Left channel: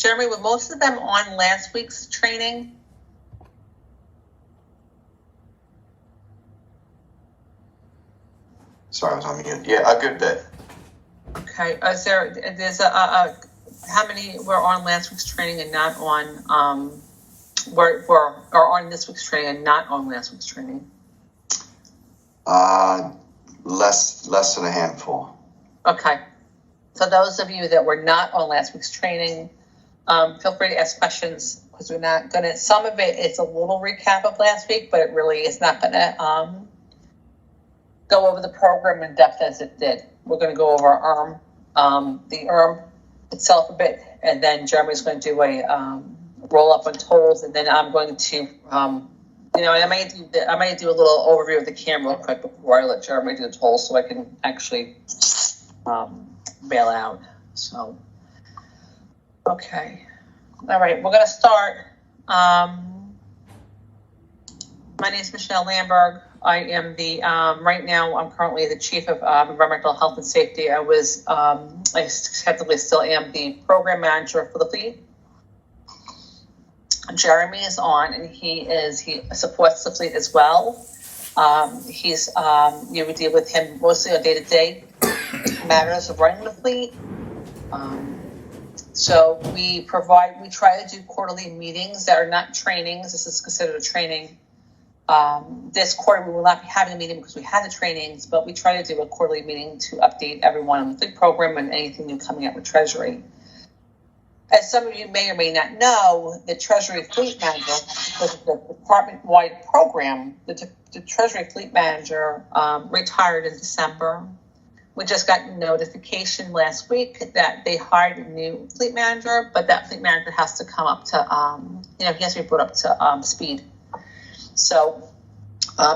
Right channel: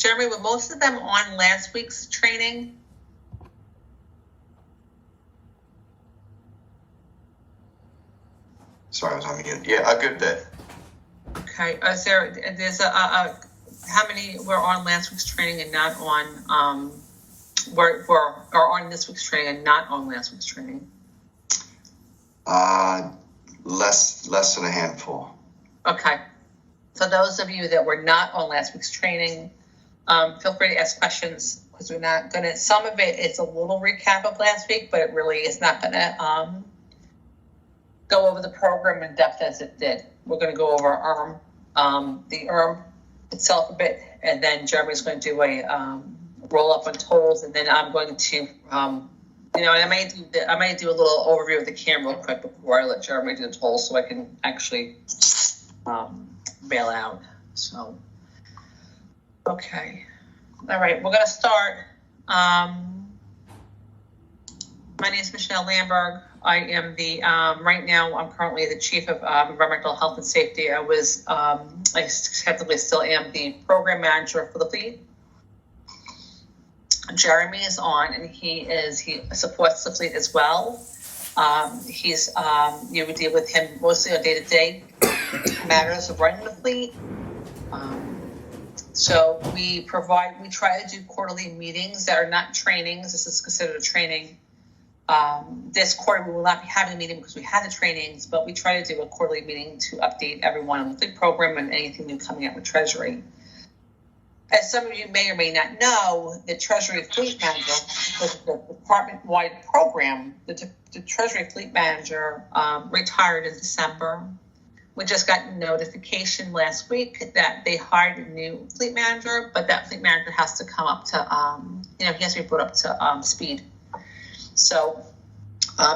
Jeremy, were most of them on last week's training? Sorry, I was on mute. Yeah, a good bit. Okay, there's how many were on last week's training and not on, or on this week's training and not on last week's training? Less than a handful. Okay. So those of you that were not on last week's training, feel free to ask questions, because we're not gonna, some of it is a little recap of last week, but it really is not gonna, go over the program in depth as it did. We're going to go over the IRM itself a bit, and then Jeremy's going to do a roll up on tolls, and then I'm going to, I may do a little overview of the CAM real quick before I let Jeremy do the tolls, so I can actually bail out. So, okay, all right, we're going to start. My name is Michelle Lamberg. I am the, right now, I'm currently the Chief of Environmental Health and Safety. I technically still am the Program Manager for the fleet. Jeremy is on, and he supports the fleet as well. You would deal with him mostly on day-to-day matters of running the fleet. So we try to do quarterly meetings that are not trainings. This is considered a training. This quarter, we will not be having a meeting because we had the trainings, but we try to do a quarterly meeting to update everyone on the fleet program and anything new coming out with Treasury. As some of you may or may not know, the Treasury Fleet Manager was the department-wide program. The Treasury Fleet Manager retired in December. We just got notification last week that they hired a new fleet manager, but that fleet manager has to come up to, he has to be brought up to speed. So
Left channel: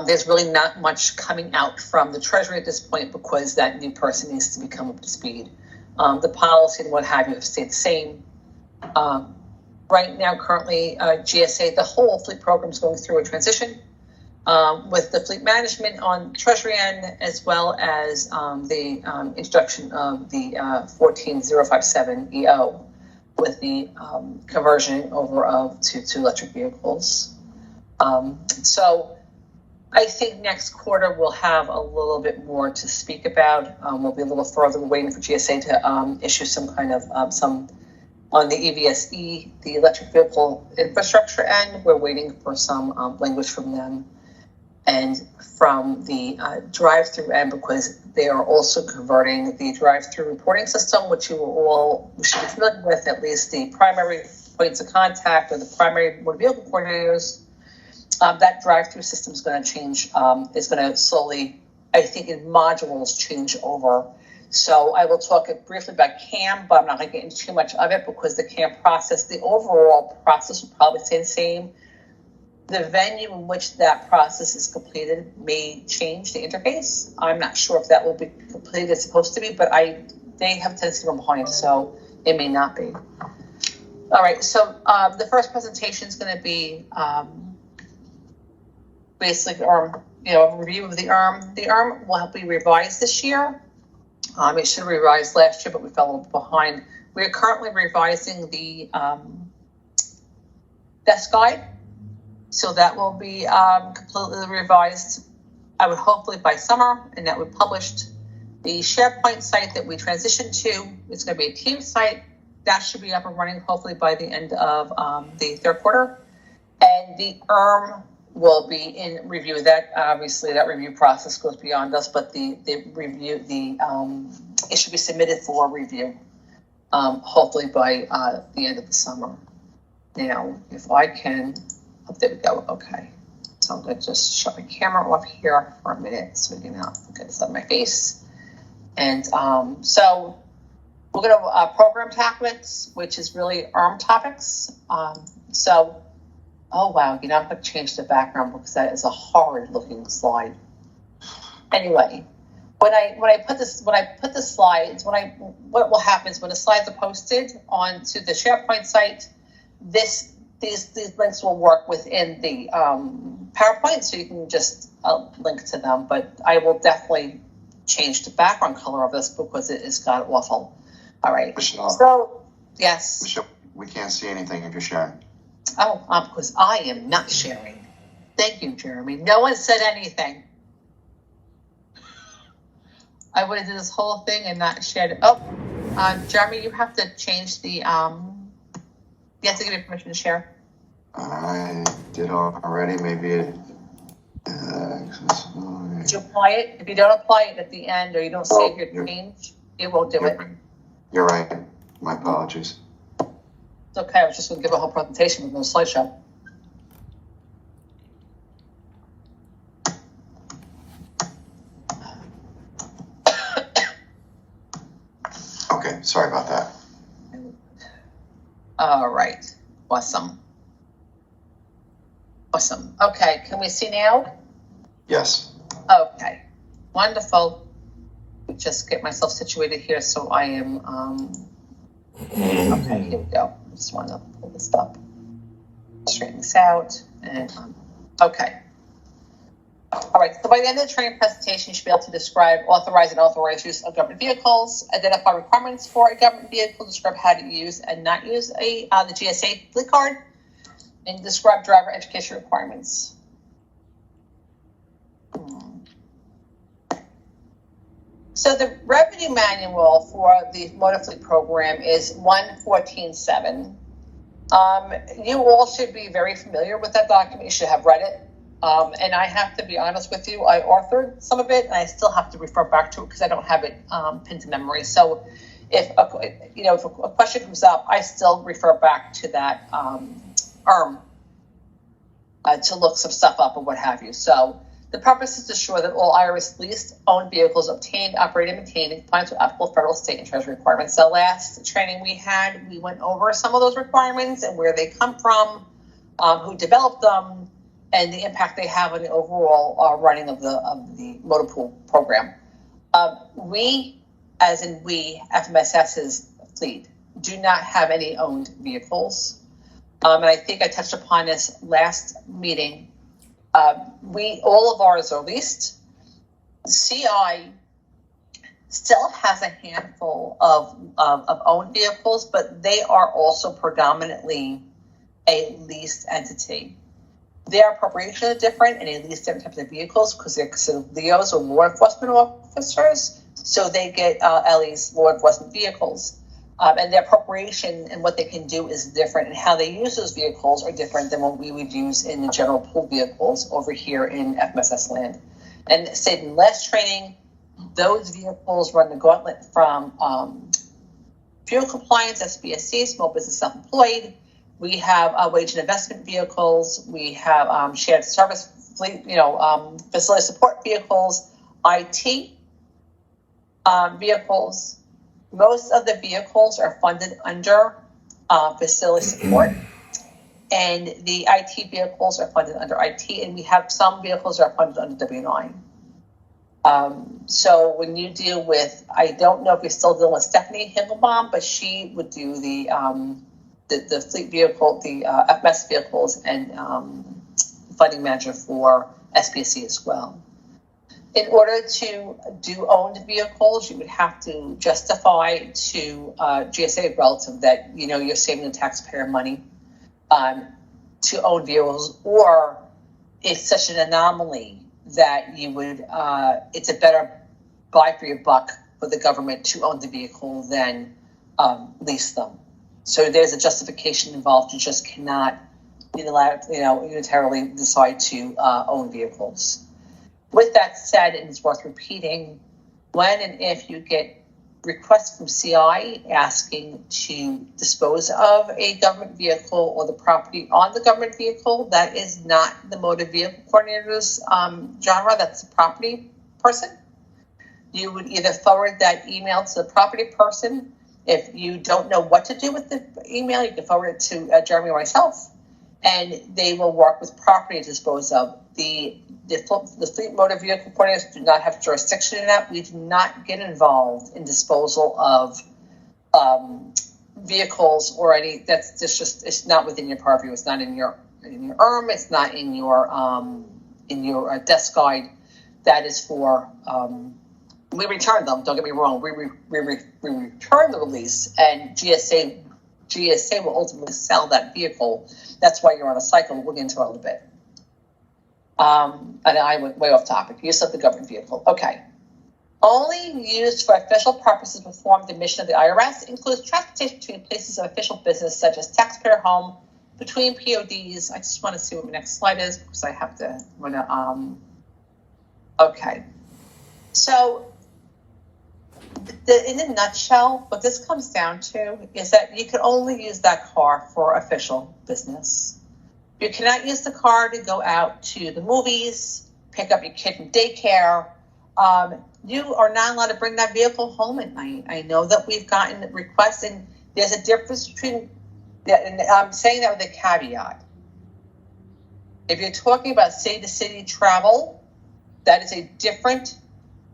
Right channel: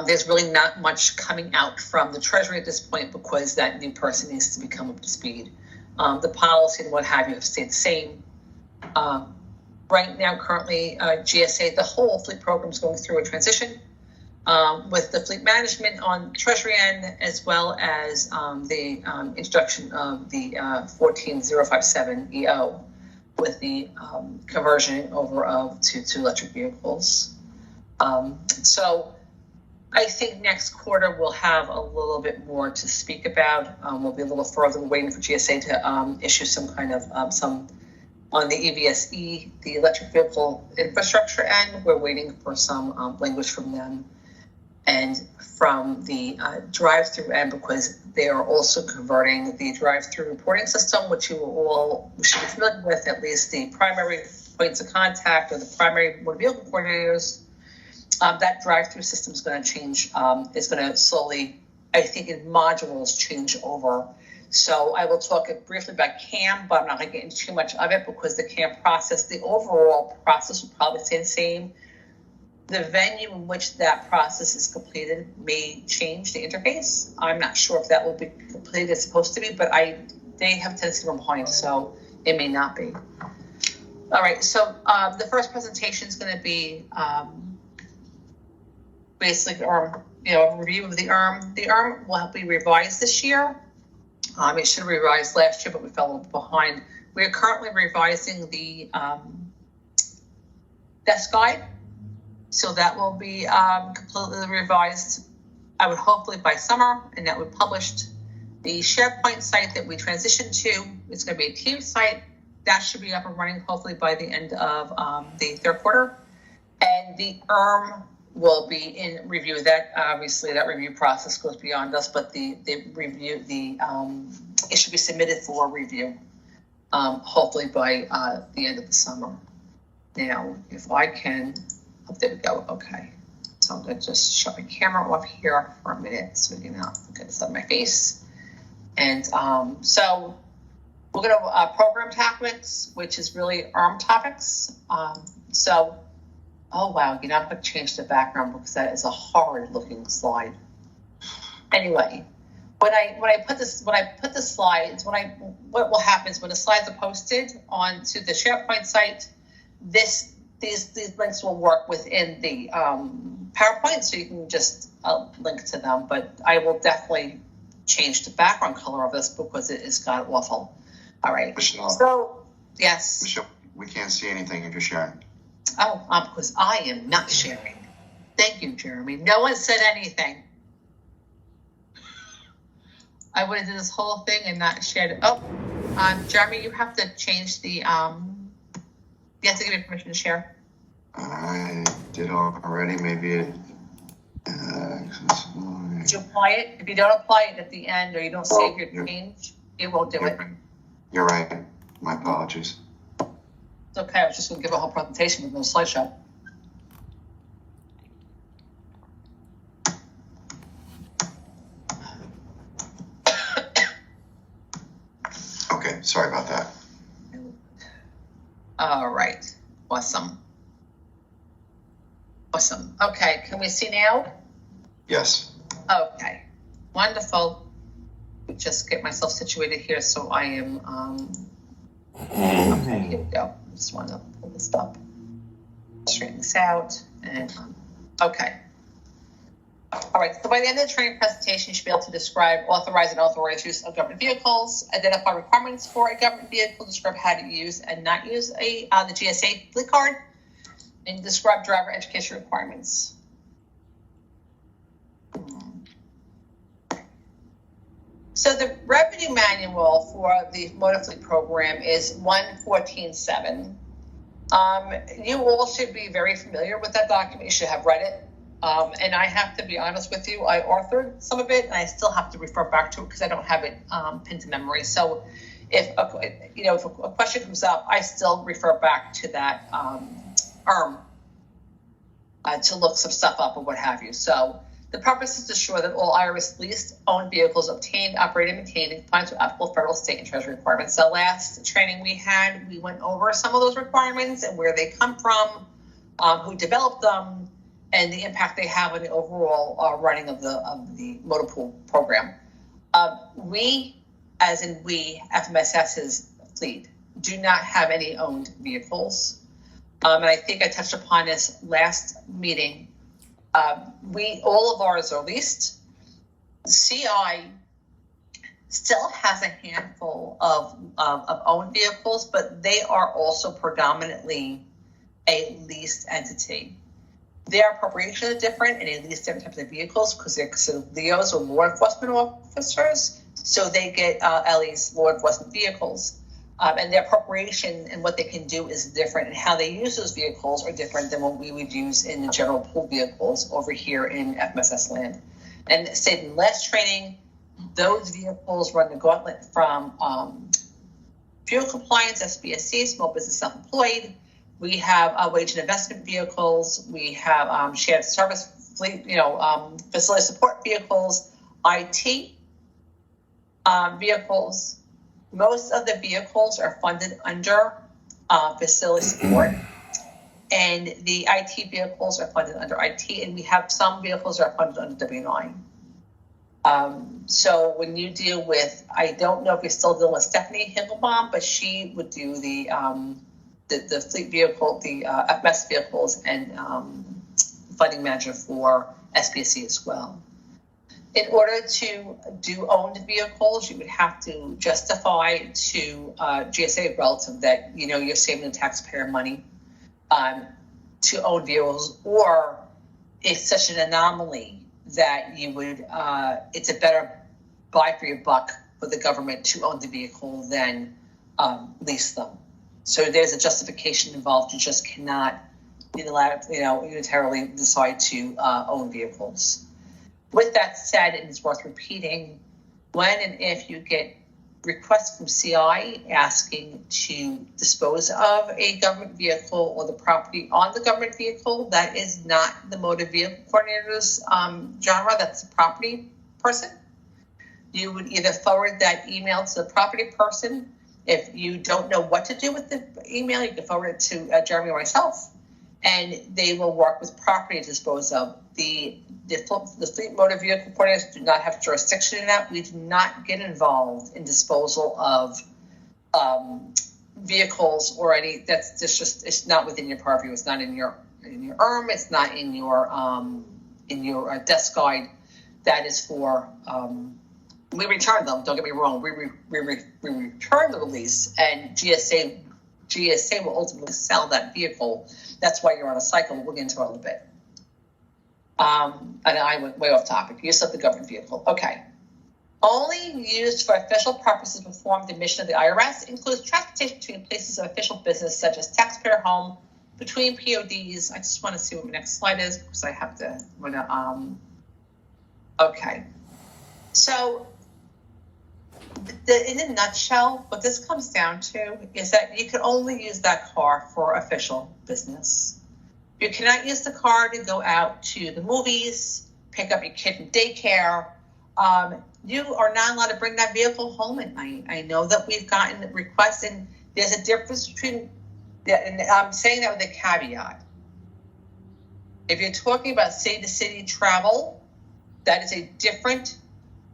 there's really not much coming out from the Treasury at this point because that new person needs to become up to speed. The policy and what have you have stayed the same. Right now, currently, GSA, the whole fleet program is going through a transition with the fleet management on the Treasury end, as well as the introduction of the 14057 EO with the conversion over to electric vehicles. So I think next quarter we'll have a little bit more to speak about. We'll be a little further. We're waiting for GSA to issue some kind of some on the EVSE, the electric vehicle infrastructure end. We're waiting for some language from them, and from the drive-through end, because they are also converting the drive-through reporting system, which we should be familiar with, at least the primary points of contact or the primary motor vehicle coordinators. That drive-through system is going to change, is going to slowly, I think in modules, change over. So I will talk briefly about CAM, but I'm not going to get into too much of it because the CAM process, the overall process will probably stay the same. The venue in which that process is completed may change the interface. I'm not sure if that will be completed as supposed to be, but they have a tendency to run behind, so it may not be. All right, so the first presentation is going to be basically a review of the IRM. The IRM will be revised this year. It should have revised last year, but we fell a little behind. We are currently revising the desk guide. So that will be completely revised, I would hopefully by summer, and that will be published. The SharePoint site that we transitioned to is going to be a team site. That should be up and running hopefully by the end of the third quarter. And the IRM will be in review. That obviously that review process goes beyond us, but the review, it should be submitted for review, hopefully by the end of the summer. Now, if I can, oh, there we go. Okay, so I'm going to just shut my camera off here for a minute so you can look at this on my face. And so we're going to program topics, which is really IRM topics. Oh wow, I'm going to change the background because that is a horrid looking slide. Anyway, when I put the slides, what will happen is when the slides are posted onto the SharePoint site, these links will work within the PowerPoint, so you can just link to them. But I will definitely change the background color of this because it has got awful. All right. Michelle, so yes. Michelle, We can't see anything if you're sharing. Oh, because I am not sharing. Thank you, Jeremy. No one said anything. I would have did this whole thing and not shared it. Oh, Jeremy, you have to change the, you have to give me permission to share. I did already. Maybe it. Did you apply it? If you don't apply it at the end or you don't save your change, it won't do it. You're right. My apologies. It's okay. I was just going to give a whole presentation with no slideshow. Okay, sorry about that. All right. Awesome. Awesome. Okay, can we see now? Yes. Okay, wonderful. Just get myself situated here so I am, okay, here we go. I just want to pull this up, straighten this out, and, okay. All right, so by the end of the training presentation, you should be able to describe authorized and authorized use of government vehicles, identify requirements for a government vehicle, describe how to use and not use the GSA fleet card, and describe driver education requirements. So the revenue manual for the motor fleet program is 114.7. You all should be very familiar with that document. You should have read it. And I have to be honest with you, I authored some of it and I still have to refer back to it because I don't have it pinned to memory. So if a question comes up, I still refer back to that to look some stuff up or what have you. So the purpose is to ensure that all IRS leased owned vehicles obtained, operated, and maintained in compliance with applicable federal, state, and treasury requirements. The last training we had, we went over some of those requirements and where they come from, who developed them, and the impact they have on the overall running of the motor pool program. We, as in we, FMSS's fleet, do not have any owned vehicles. And I think I touched upon this last meeting. All of ours are leased. CI still has a handful of owned vehicles, but they are also predominantly a leased entity. Their appropriations are different and they lease different types of vehicles because they're considered LEOs or law enforcement officers. So they get LE's law enforcement vehicles. And their appropriation and what they can do is different, and how they use those vehicles are different than what we would use in the general pool vehicles over here in FMSS land. And say in last training, those vehicles run the gauntlet from fuel compliance, SBSC, small business self-employed. We have wage and investment vehicles. We have shared service fleet, facility support vehicles, IT vehicles. Most of the vehicles are funded under facility support, and the IT vehicles are funded under IT, and we have some vehicles that are funded under W-9. So when you deal with, I don't know if you're still dealing with Stephanie Himmelbaum, but she would do the fleet vehicle, the FMS vehicles, and funding manager for SPSC as well. In order to do owned vehicles, you would have to justify to GSA relative that you're saving the taxpayer money to own vehicles, or it's such an anomaly that you would it's a better buy for your buck for the government to own the vehicle than lease them. So there's a justification involved. You just cannot unilaterally decide to own vehicles. With that said, and it's worth repeating, when and if you get requests from CI asking to dispose of a government vehicle or the property on the government vehicle, that is not the motor vehicle coordinator's genre, that's the property person. You would either forward that email to the property person. If you don't know what to do with the email, you can forward it to Jeremy or myself, and they will work with property to dispose of. The fleet motor vehicle coordinators do not have jurisdiction in that. We do not get involved in disposal of vehicles or any. That's just it's not within your purview. It's not in your ERM. It's not in your desk guide. That is for. We return them. Don't get me wrong. We return the release, and GSA GSA will ultimately sell that vehicle. That's why you're on a cycle. We'll get into it a little bit. And I went way off topic. Use of the government vehicle. Okay. Only used for official purposes perform the mission of the IRS, includes transportation between places of official business such as taxpayer home, between PODs. I just want to see what my next slide is because I have to, okay. So in a nutshell, what this comes down to is that you can only use that car for official business. You cannot use the car to go out to the movies, pick up your kid from daycare. You are not allowed to bring that vehicle home at night. I know that we've gotten requests, and there's a difference between, and I'm saying that with a caveat. If you're talking about city-to-city travel, that is a different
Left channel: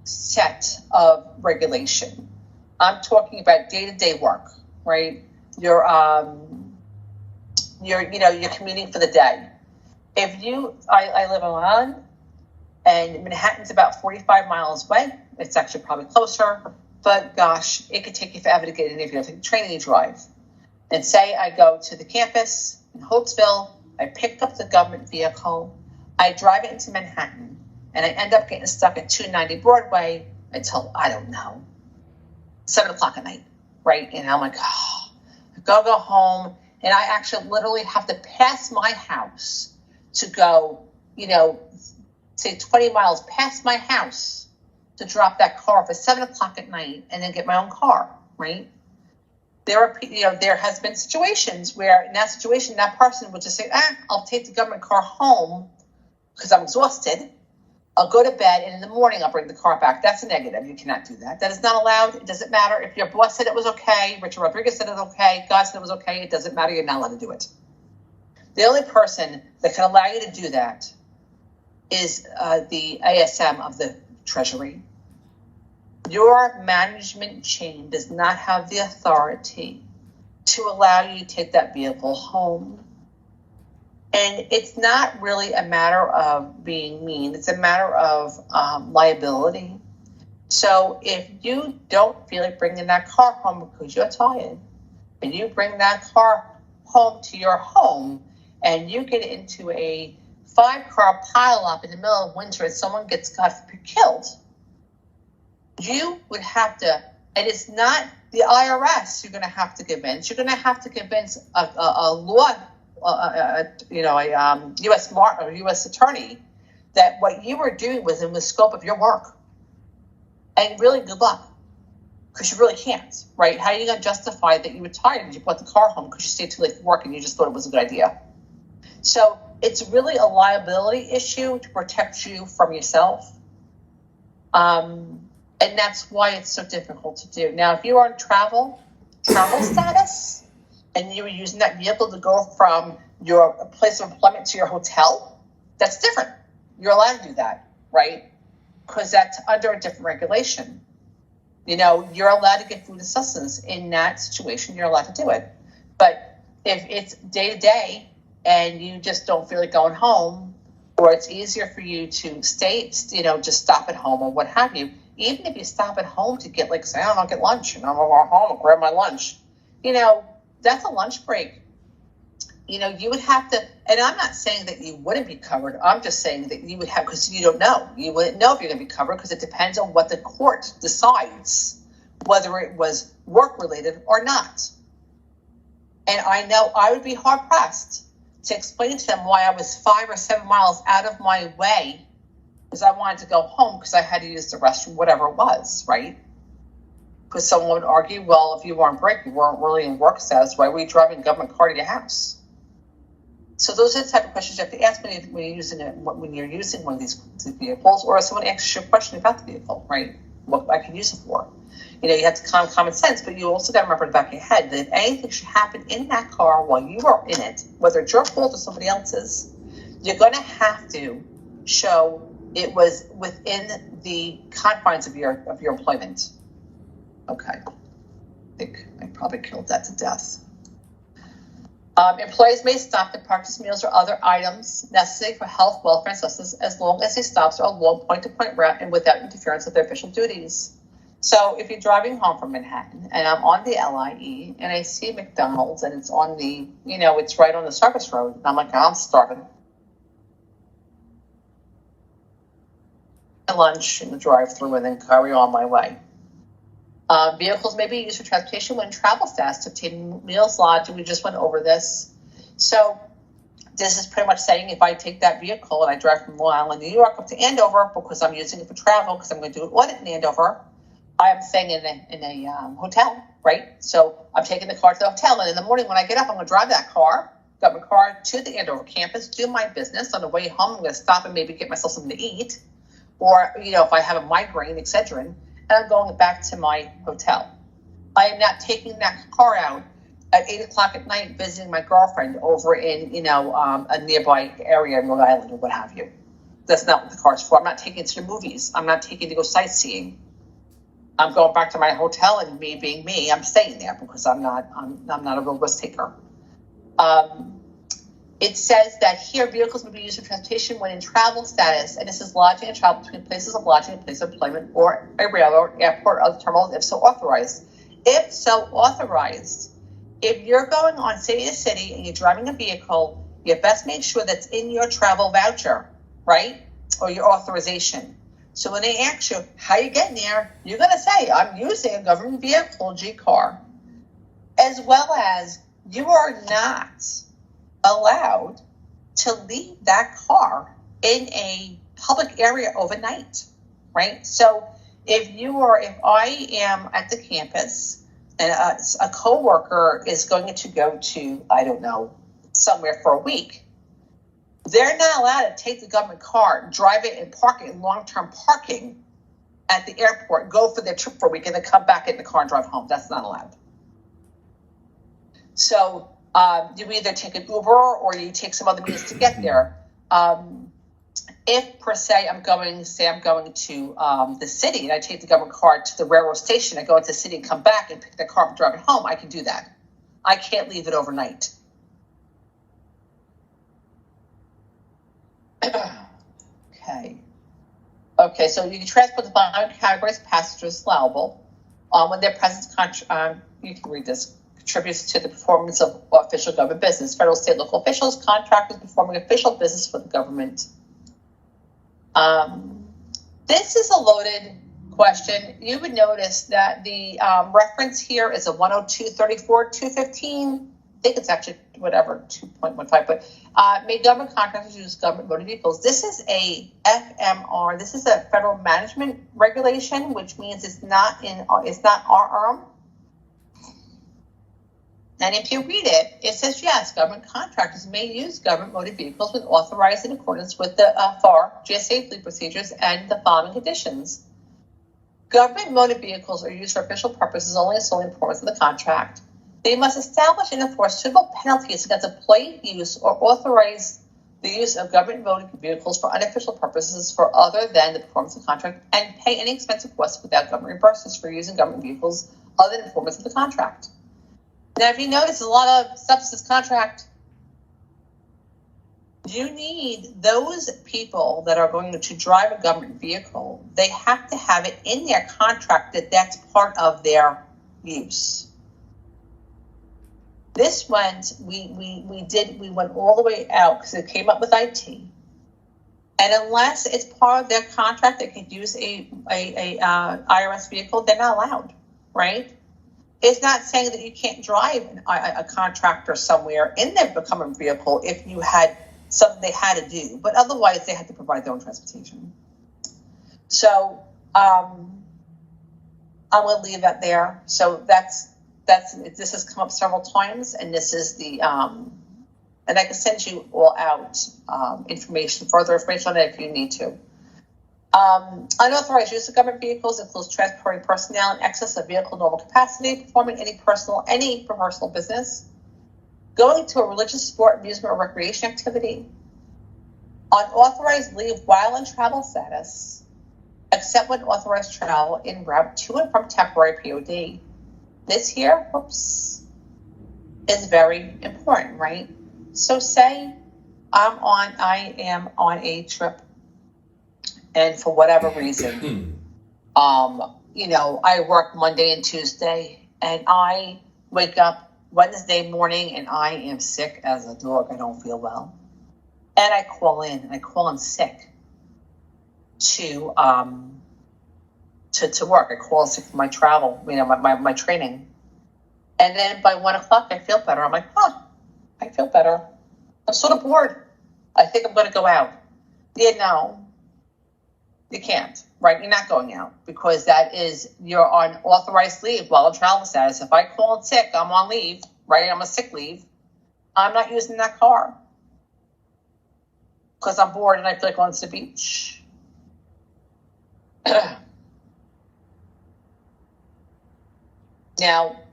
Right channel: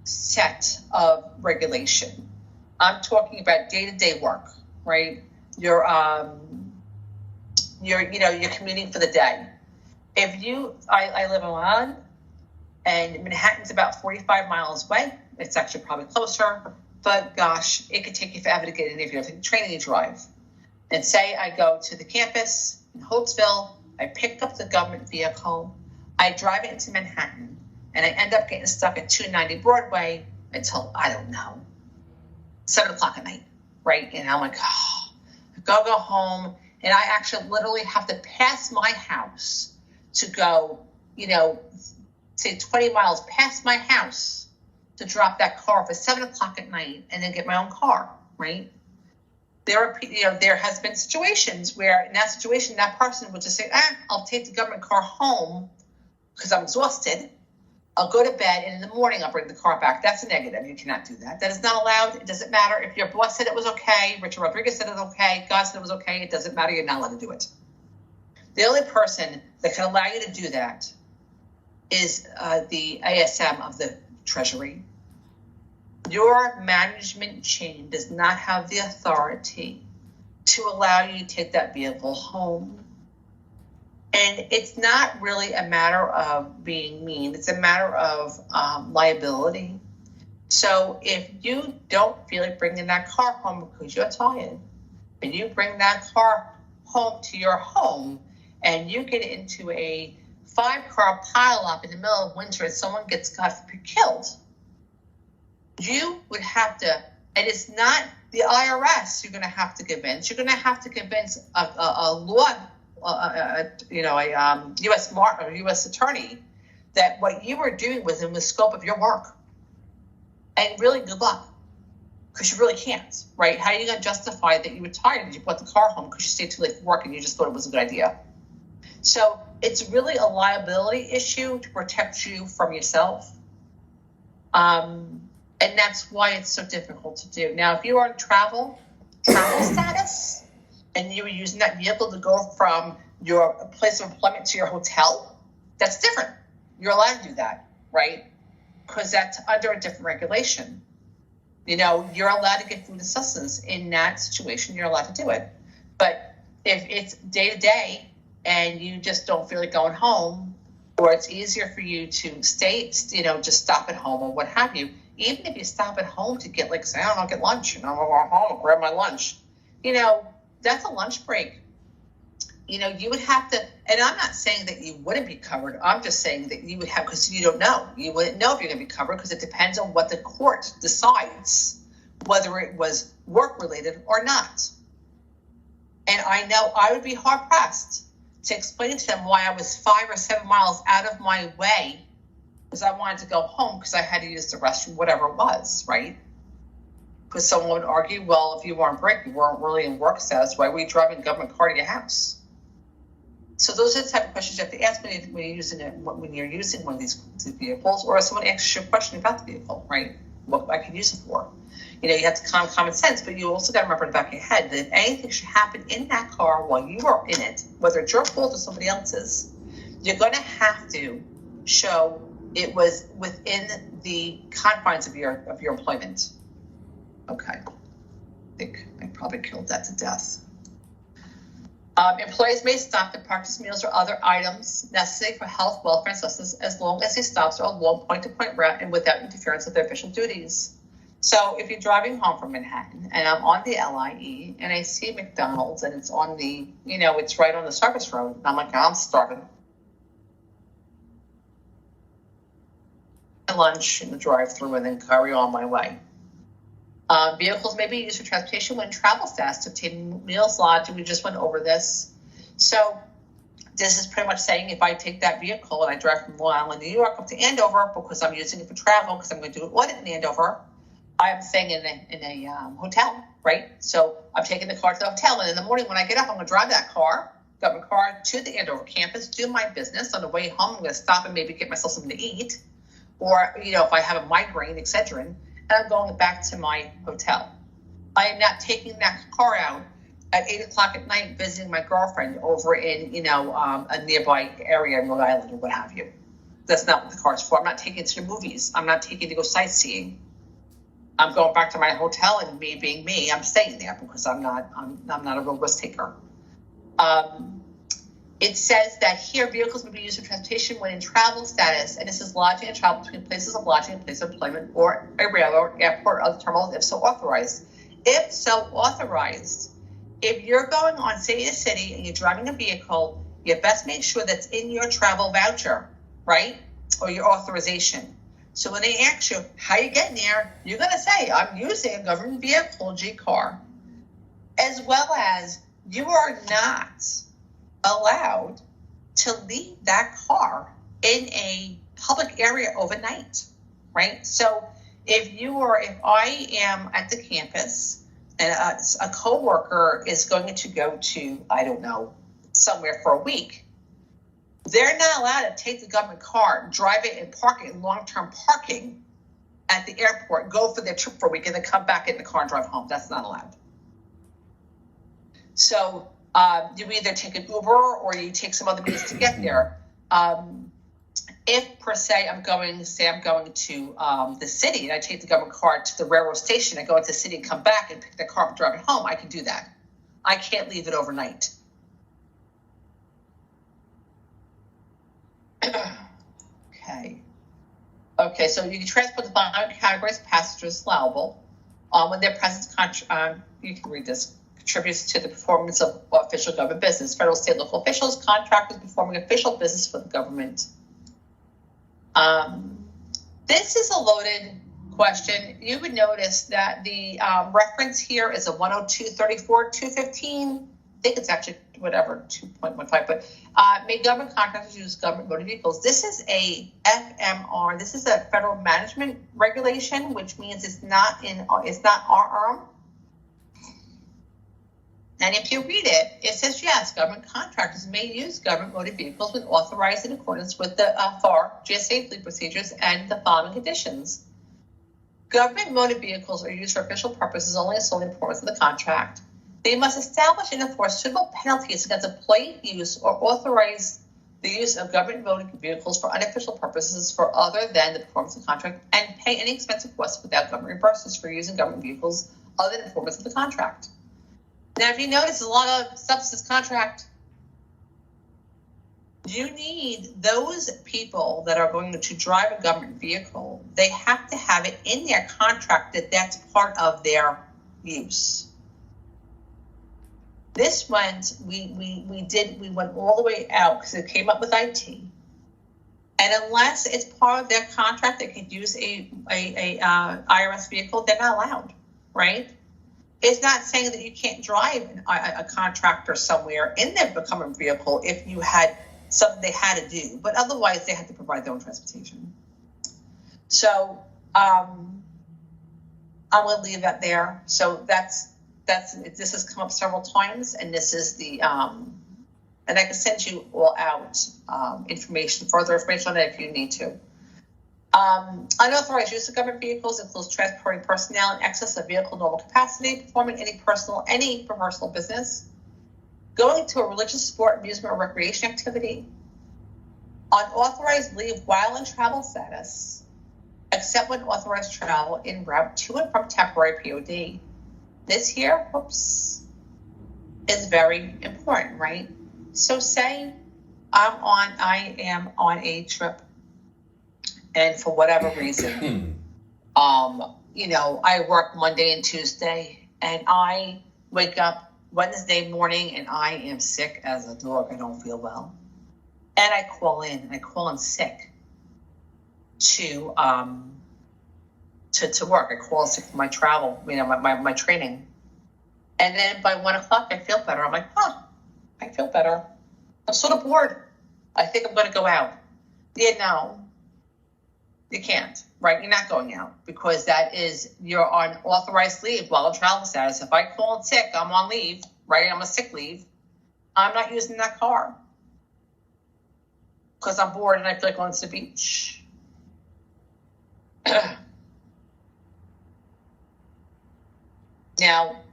set of regulation. I'm talking about day-to-day work, right? You're commuting for the day. If you, I live in Long, and Manhattan's about 45 miles away. It's actually probably closer, but gosh, it could take you forever to get in if you take the train and you drive. And say I go to the campus in Holtzville, I pick up the government vehicle, I drive it into Manhattan, and I end up getting stuck at 290 Broadway until, I don't know, 7 o'clock at night, right? And I'm like, oh, I go home, and I actually literally have to pass my house to go, say 20 miles past my house to drop that car off at 7 o'clock at night and then get my own car, right? There has been situations where in that situation, that person would just say, I'll take the government car home because I'm exhausted. I'll go to bed, and in the morning, I'll bring the car back. That's a negative. You cannot do that. That is not allowed. It doesn't matter. If your boss said it was okay, Richard Rodriguez said it was okay, God said it was okay, it doesn't matter. You're not allowed to do it. The only person that can allow you to do that is the ASM of the Treasury. Your management chain does not have the authority to allow you to take that vehicle home. And it's not really a matter of being mean. It's a matter of liability. So if you don't feel like bringing that car home because you're tired, and you bring that car home to your home, and you get into a 5-car pileup in the middle of winter and someone gets killed, you would have to, and it's not the IRS you're going to have to convince. You're going to have to convince a law, U.S. attorney that what you were doing was in the scope of your work. And really, good luck, because you really can't, right? How are you going to justify that you were tired and you brought the car home because you stayed too late for work and you just thought it was a good idea? So it's really a liability issue to protect you from yourself. And that's why it's so difficult to do. Now, if you are in travel status, and you were using that vehicle to go from your place of employment to your hotel, that's different. You're allowed to do that, right? Because that's under a different regulation. You're allowed to get food and sustenance. In that situation, you're allowed to do it. But if it's day to day and you just don't feel like going home, or it's easier for you to stay, just stop at home or what have you, even if you stop at home to get, like, say, I don't know, get lunch, and I'm going to go home and grab my lunch, that's a lunch break. You would have to, and I'm not saying that you wouldn't be covered. I'm just saying that you would have, because you don't know. You wouldn't know if you're going to be covered because it depends on what the court decides, whether it was work-related or not. And I know I would be hard-pressed to explain to them why I was 5 or 7 miles out of my way because I wanted to go home because I had to use the restroom, whatever it was, right? Because someone would argue, well, if you weren't break, you weren't really in work status, why were you driving a government car to your house? So those are the type of questions you have to ask when you're using one of these vehicles, or if someone asks you a question about the vehicle, right? What I could use it for. You have to common sense, but you also got to remember in the back of your head that if anything should happen in that car while you are in it, whether it's your fault or somebody else's, you're going to have to show it was within the confines of your employment. Okay, I think I probably killed that to death. Employees may stop and purchase meals or other items necessary for health, welfare, and sustenance as long as these stops are a long point-to-point route and without interference with their official duties. So if you're driving home from Manhattan and I'm on the LIE and I see McDonald's and it's on the, it's right on the service road, and I'm like, I'm starving. Lunch in the drive-thru and then carry on my way. Vehicles may be used for transportation when travel fast to obtain meals, lodging. We just went over this. So this is pretty much saying if I take that vehicle and I drive from Long Island, New York up to Andover because I'm using it for travel because I'm going to do an audit in Andover, I am staying in a hotel, right? So I'm taking the car to the hotel, and in the morning when I get up, I'm going to drive that car, got my car to the Andover campus, do my business. On the way home, I'm going to stop and maybe get myself something to eat, or if I have a migraine, Excedrin, and I'm going back to my hotel. I am not taking that car out at 8:00 at night visiting my girlfriend over in a nearby area in Rhode Island or what have you. That's not what the car's for. I'm not taking it to the movies. I'm not taking it to go sightseeing. I'm going back to my hotel, and me being me, I'm staying there because I'm not a real risk taker. It says that here vehicles may be used for transportation when in travel status, and this is lodging and travel between places of lodging and place of employment or a railroad, airport, or other terminals, if so authorized. If so authorized, if you're going on city to city and you're driving a vehicle, you best make sure that's in your travel voucher, right? Or your authorization. So when they ask you how you getting there, you're going to say, I'm using a government vehicle, G-car, as well as you are not allowed to leave that car in a public area overnight, right? So if I am at the campus and a coworker is going to go to, I don't know, somewhere for a week, they're not allowed to take the government car, drive it and park it in long-term parking at the airport, go for their trip for a week, and then come back in the car and drive home. That's not allowed. So you either take an Uber or you take some other means to get there. If per se I'm going to the city and I take the government car to the railroad station, I go into the city and come back and pick the car up and drive it home, I can do that. I can't leave it overnight. Okay, so you can transport the following categories of passengers allowable when their presence, you can read this, contributes to the performance of official government business. Federal, state, local officials, contractors performing official business for the government. This is a loaded question. You would notice that the reference here is a 102.34.215. I think it's actually 2.15, but may government contractors use government motor vehicles. This is a FMR. This is a federal management regulation, which means it's not RRM. And if you read it, it says, yes, government contractors may use government motor vehicles when authorized in accordance with the FAR, GSA fleet procedures, and the following conditions. Government motor vehicles are used for official purposes only and solely in performance of the contract. They must establish and enforce suitable penalties against employee use or authorize the use of government motor vehicles for unofficial purposes for other than the performance of the contract and pay any expensive costs without government reimbursements for using government vehicles other than performance of the contract. Now, if you notice, there's a lot of substance contract. You need those people that are going to drive a government vehicle. They have to have it in their contract that that's part of their use. This went, we went all the way out because it came up with IT. And unless it's part of their contract, they can use a IRS vehicle, they're not allowed, right? It's not saying that you can't drive a contractor somewhere in their government vehicle if you had something they had to do, but otherwise they have to provide their own transportation. So I'm going to leave that there. So this has come up several times, and this is the and I can send you all out further information on it if you need to. Unauthorized use of government vehicles includes transporting personnel in excess of vehicle normal capacity, performing any personal business, going to a religious, sport, amusement, or recreation activity, unauthorized leave while in travel status, except when authorized travel en route to and from temporary POD. This here, is very important, right? So say I am on a trip, and for whatever reason, I work Monday and Tuesday, and I wake up Wednesday morning and I am sick as a dog. I don't feel well. And I call in sick to work. I call in sick for my travel, my training. And then by 1 o'clock, I feel better. I'm like, I feel better. I'm sort of bored. I think I'm going to go out. No, you can't, right? You're not going out because you're on authorized leave while on travel status. If I call in sick, I'm on leave, right? I'm a sick leave. I'm not using that car because I'm bored and I feel like going to the beach. Now,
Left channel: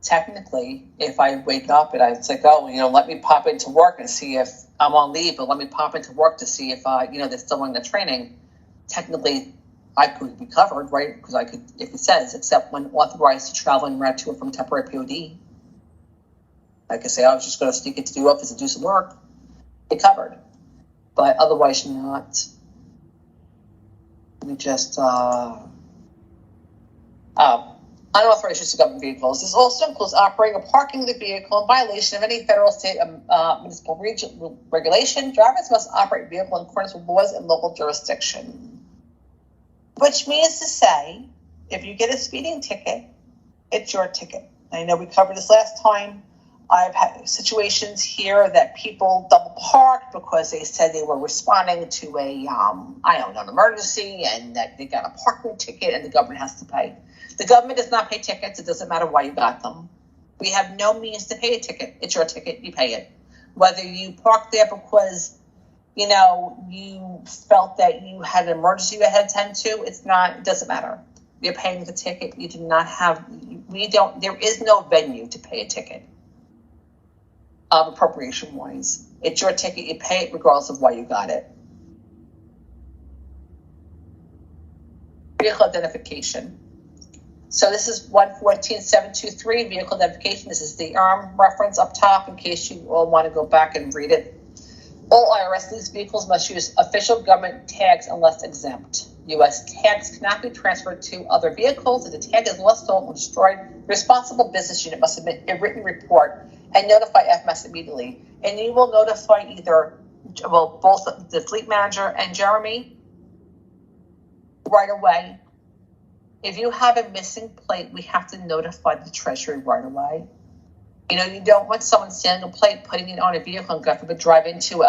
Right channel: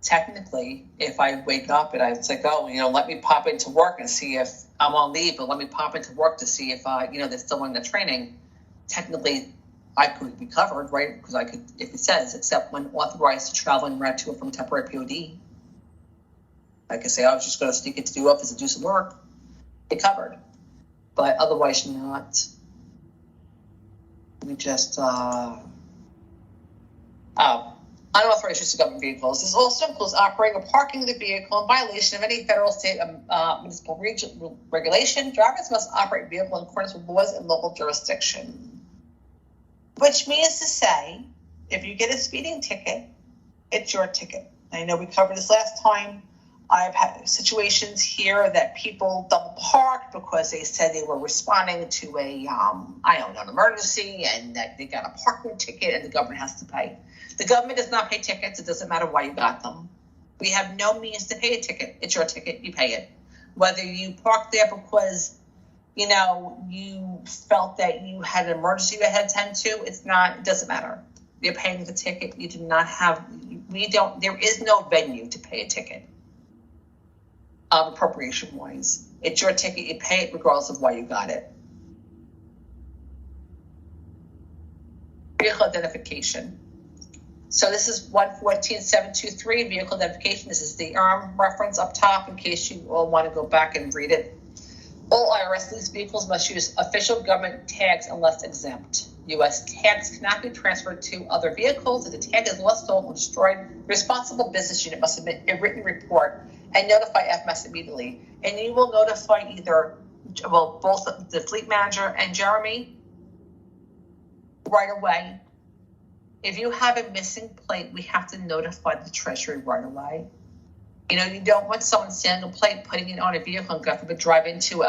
technically, if I wake up and it's like, let me pop into work and see if I'm on leave, but let me pop into work to see if, they're still in the training. Technically, I could be covered, right? Because I could, if it says, except when authorized to travel and route to or from temporary POD. I could say, I was just going to sneak into the office and do some work. Get covered. But otherwise, you're not. Let me just, unauthorized use of government vehicles. This also includes operating or parking the vehicle in violation of any federal, state, municipal regulation. Drivers must operate a vehicle in accordance with laws in local jurisdiction. Which means to say, if you get a speeding ticket, it's your ticket. I know we covered this last time. I've had situations here that people double parked because they said they were responding to an emergency and that they got a parking ticket and the government has to pay. The government does not pay tickets. It doesn't matter why you got them. We have no means to pay a ticket. It's your ticket. You pay it. Whether you parked there because, you felt that you had an emergency you had to attend to, it doesn't matter. You're paying the ticket. You do not have, there is no venue to pay a ticket. Appropriation wise. It's your ticket. You pay it regardless of why you got it. Vehicle identification. So this is 114.723 vehicle identification. This is the reference up top in case you all want to go back and read it. All IRS leased vehicles must use official government tags unless exempt. U.S. tags cannot be transferred to other vehicles. If the tag is lost, stolen, or destroyed, the responsible business unit must submit a written report and notify FMS immediately. And you will notify both the fleet manager and Jeremy right away. If you have a missing plate, we have to notify the Treasury right away. You don't want someone standing a plate, putting it on a vehicle and God forbid drive into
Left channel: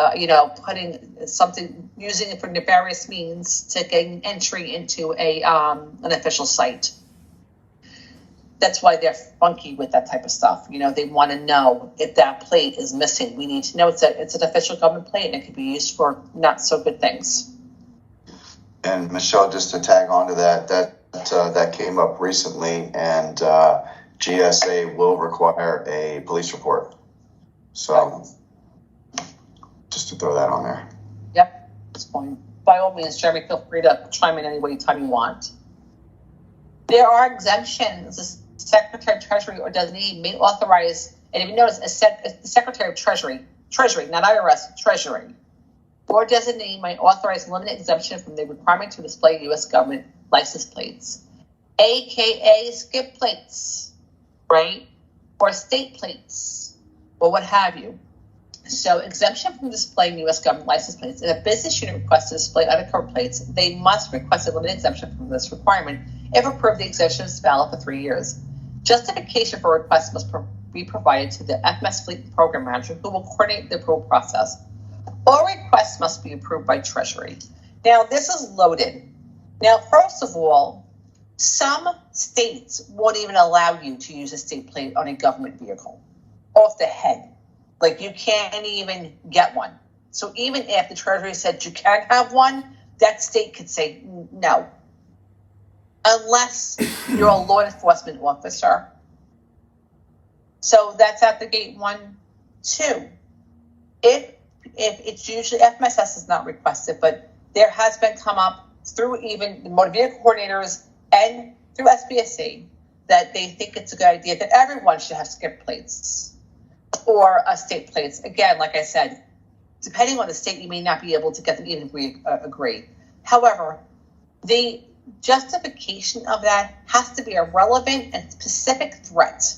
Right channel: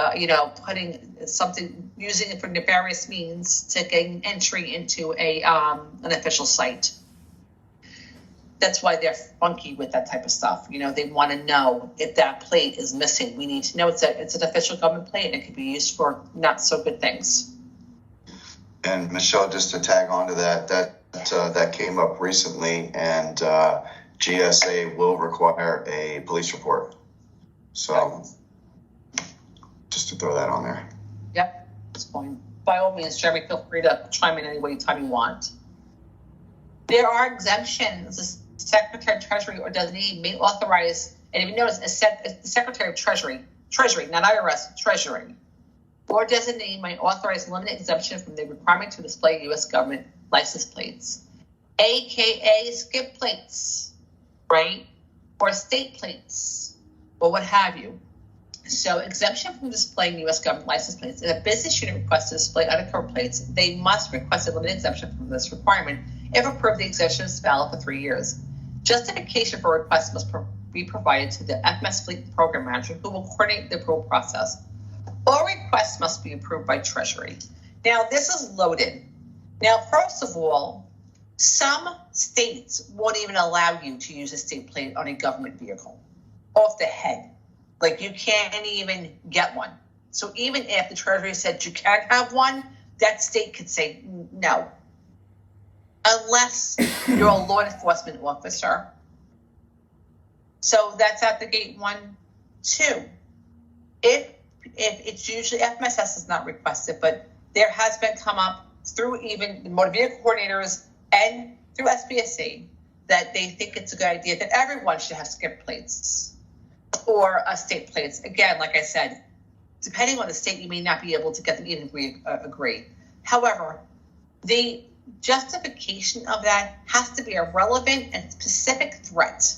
putting something, using it for nefarious means to gain entry into an official site. That's why they're funky with that type of stuff. They want to know if that plate is missing. We need to know it's an official government plate and it could be used for not so good things. And Michelle, just to tag on to that came up recently, and GSA will require a police report. So just to throw that on there. Yep, that's fine. By all means, Jeremy, feel free to chime in any time you want. There are exemptions. The Secretary of Treasury or designee may authorize, and if you notice, the Secretary of Treasury, not IRS, Treasury, or designee may authorize limited exemption from the requirement to display U.S. government license plates, aka skip plates, right? Or state plates, or what have you. So exemption from displaying U.S. government license plates. If a business unit requests to display undercover plates, they must request a limited exemption from this requirement. If approved, the exemption is valid for 3 years. Justification for request must be provided to the FMS Fleet Program Manager, who will coordinate the approval process. All requests must be approved by Treasury. Now, this is loaded. Now, first of all, some states won't even allow you to use a state plate on a government vehicle off the head. Like, you can't even get one. So even if the Treasury said you can't have one, that state could say no. Unless you're a law enforcement officer. So that's at the gate 1. 2, if it's usually, FMSS is not requested, but there has been come up through even the motor vehicle coordinators and through SBSC that they think it's a good idea that everyone should have skip plates or state plates. Again, like I said, depending on the state, you may not be able to get them even if we agree. However, the justification of that has to be a relevant and specific threat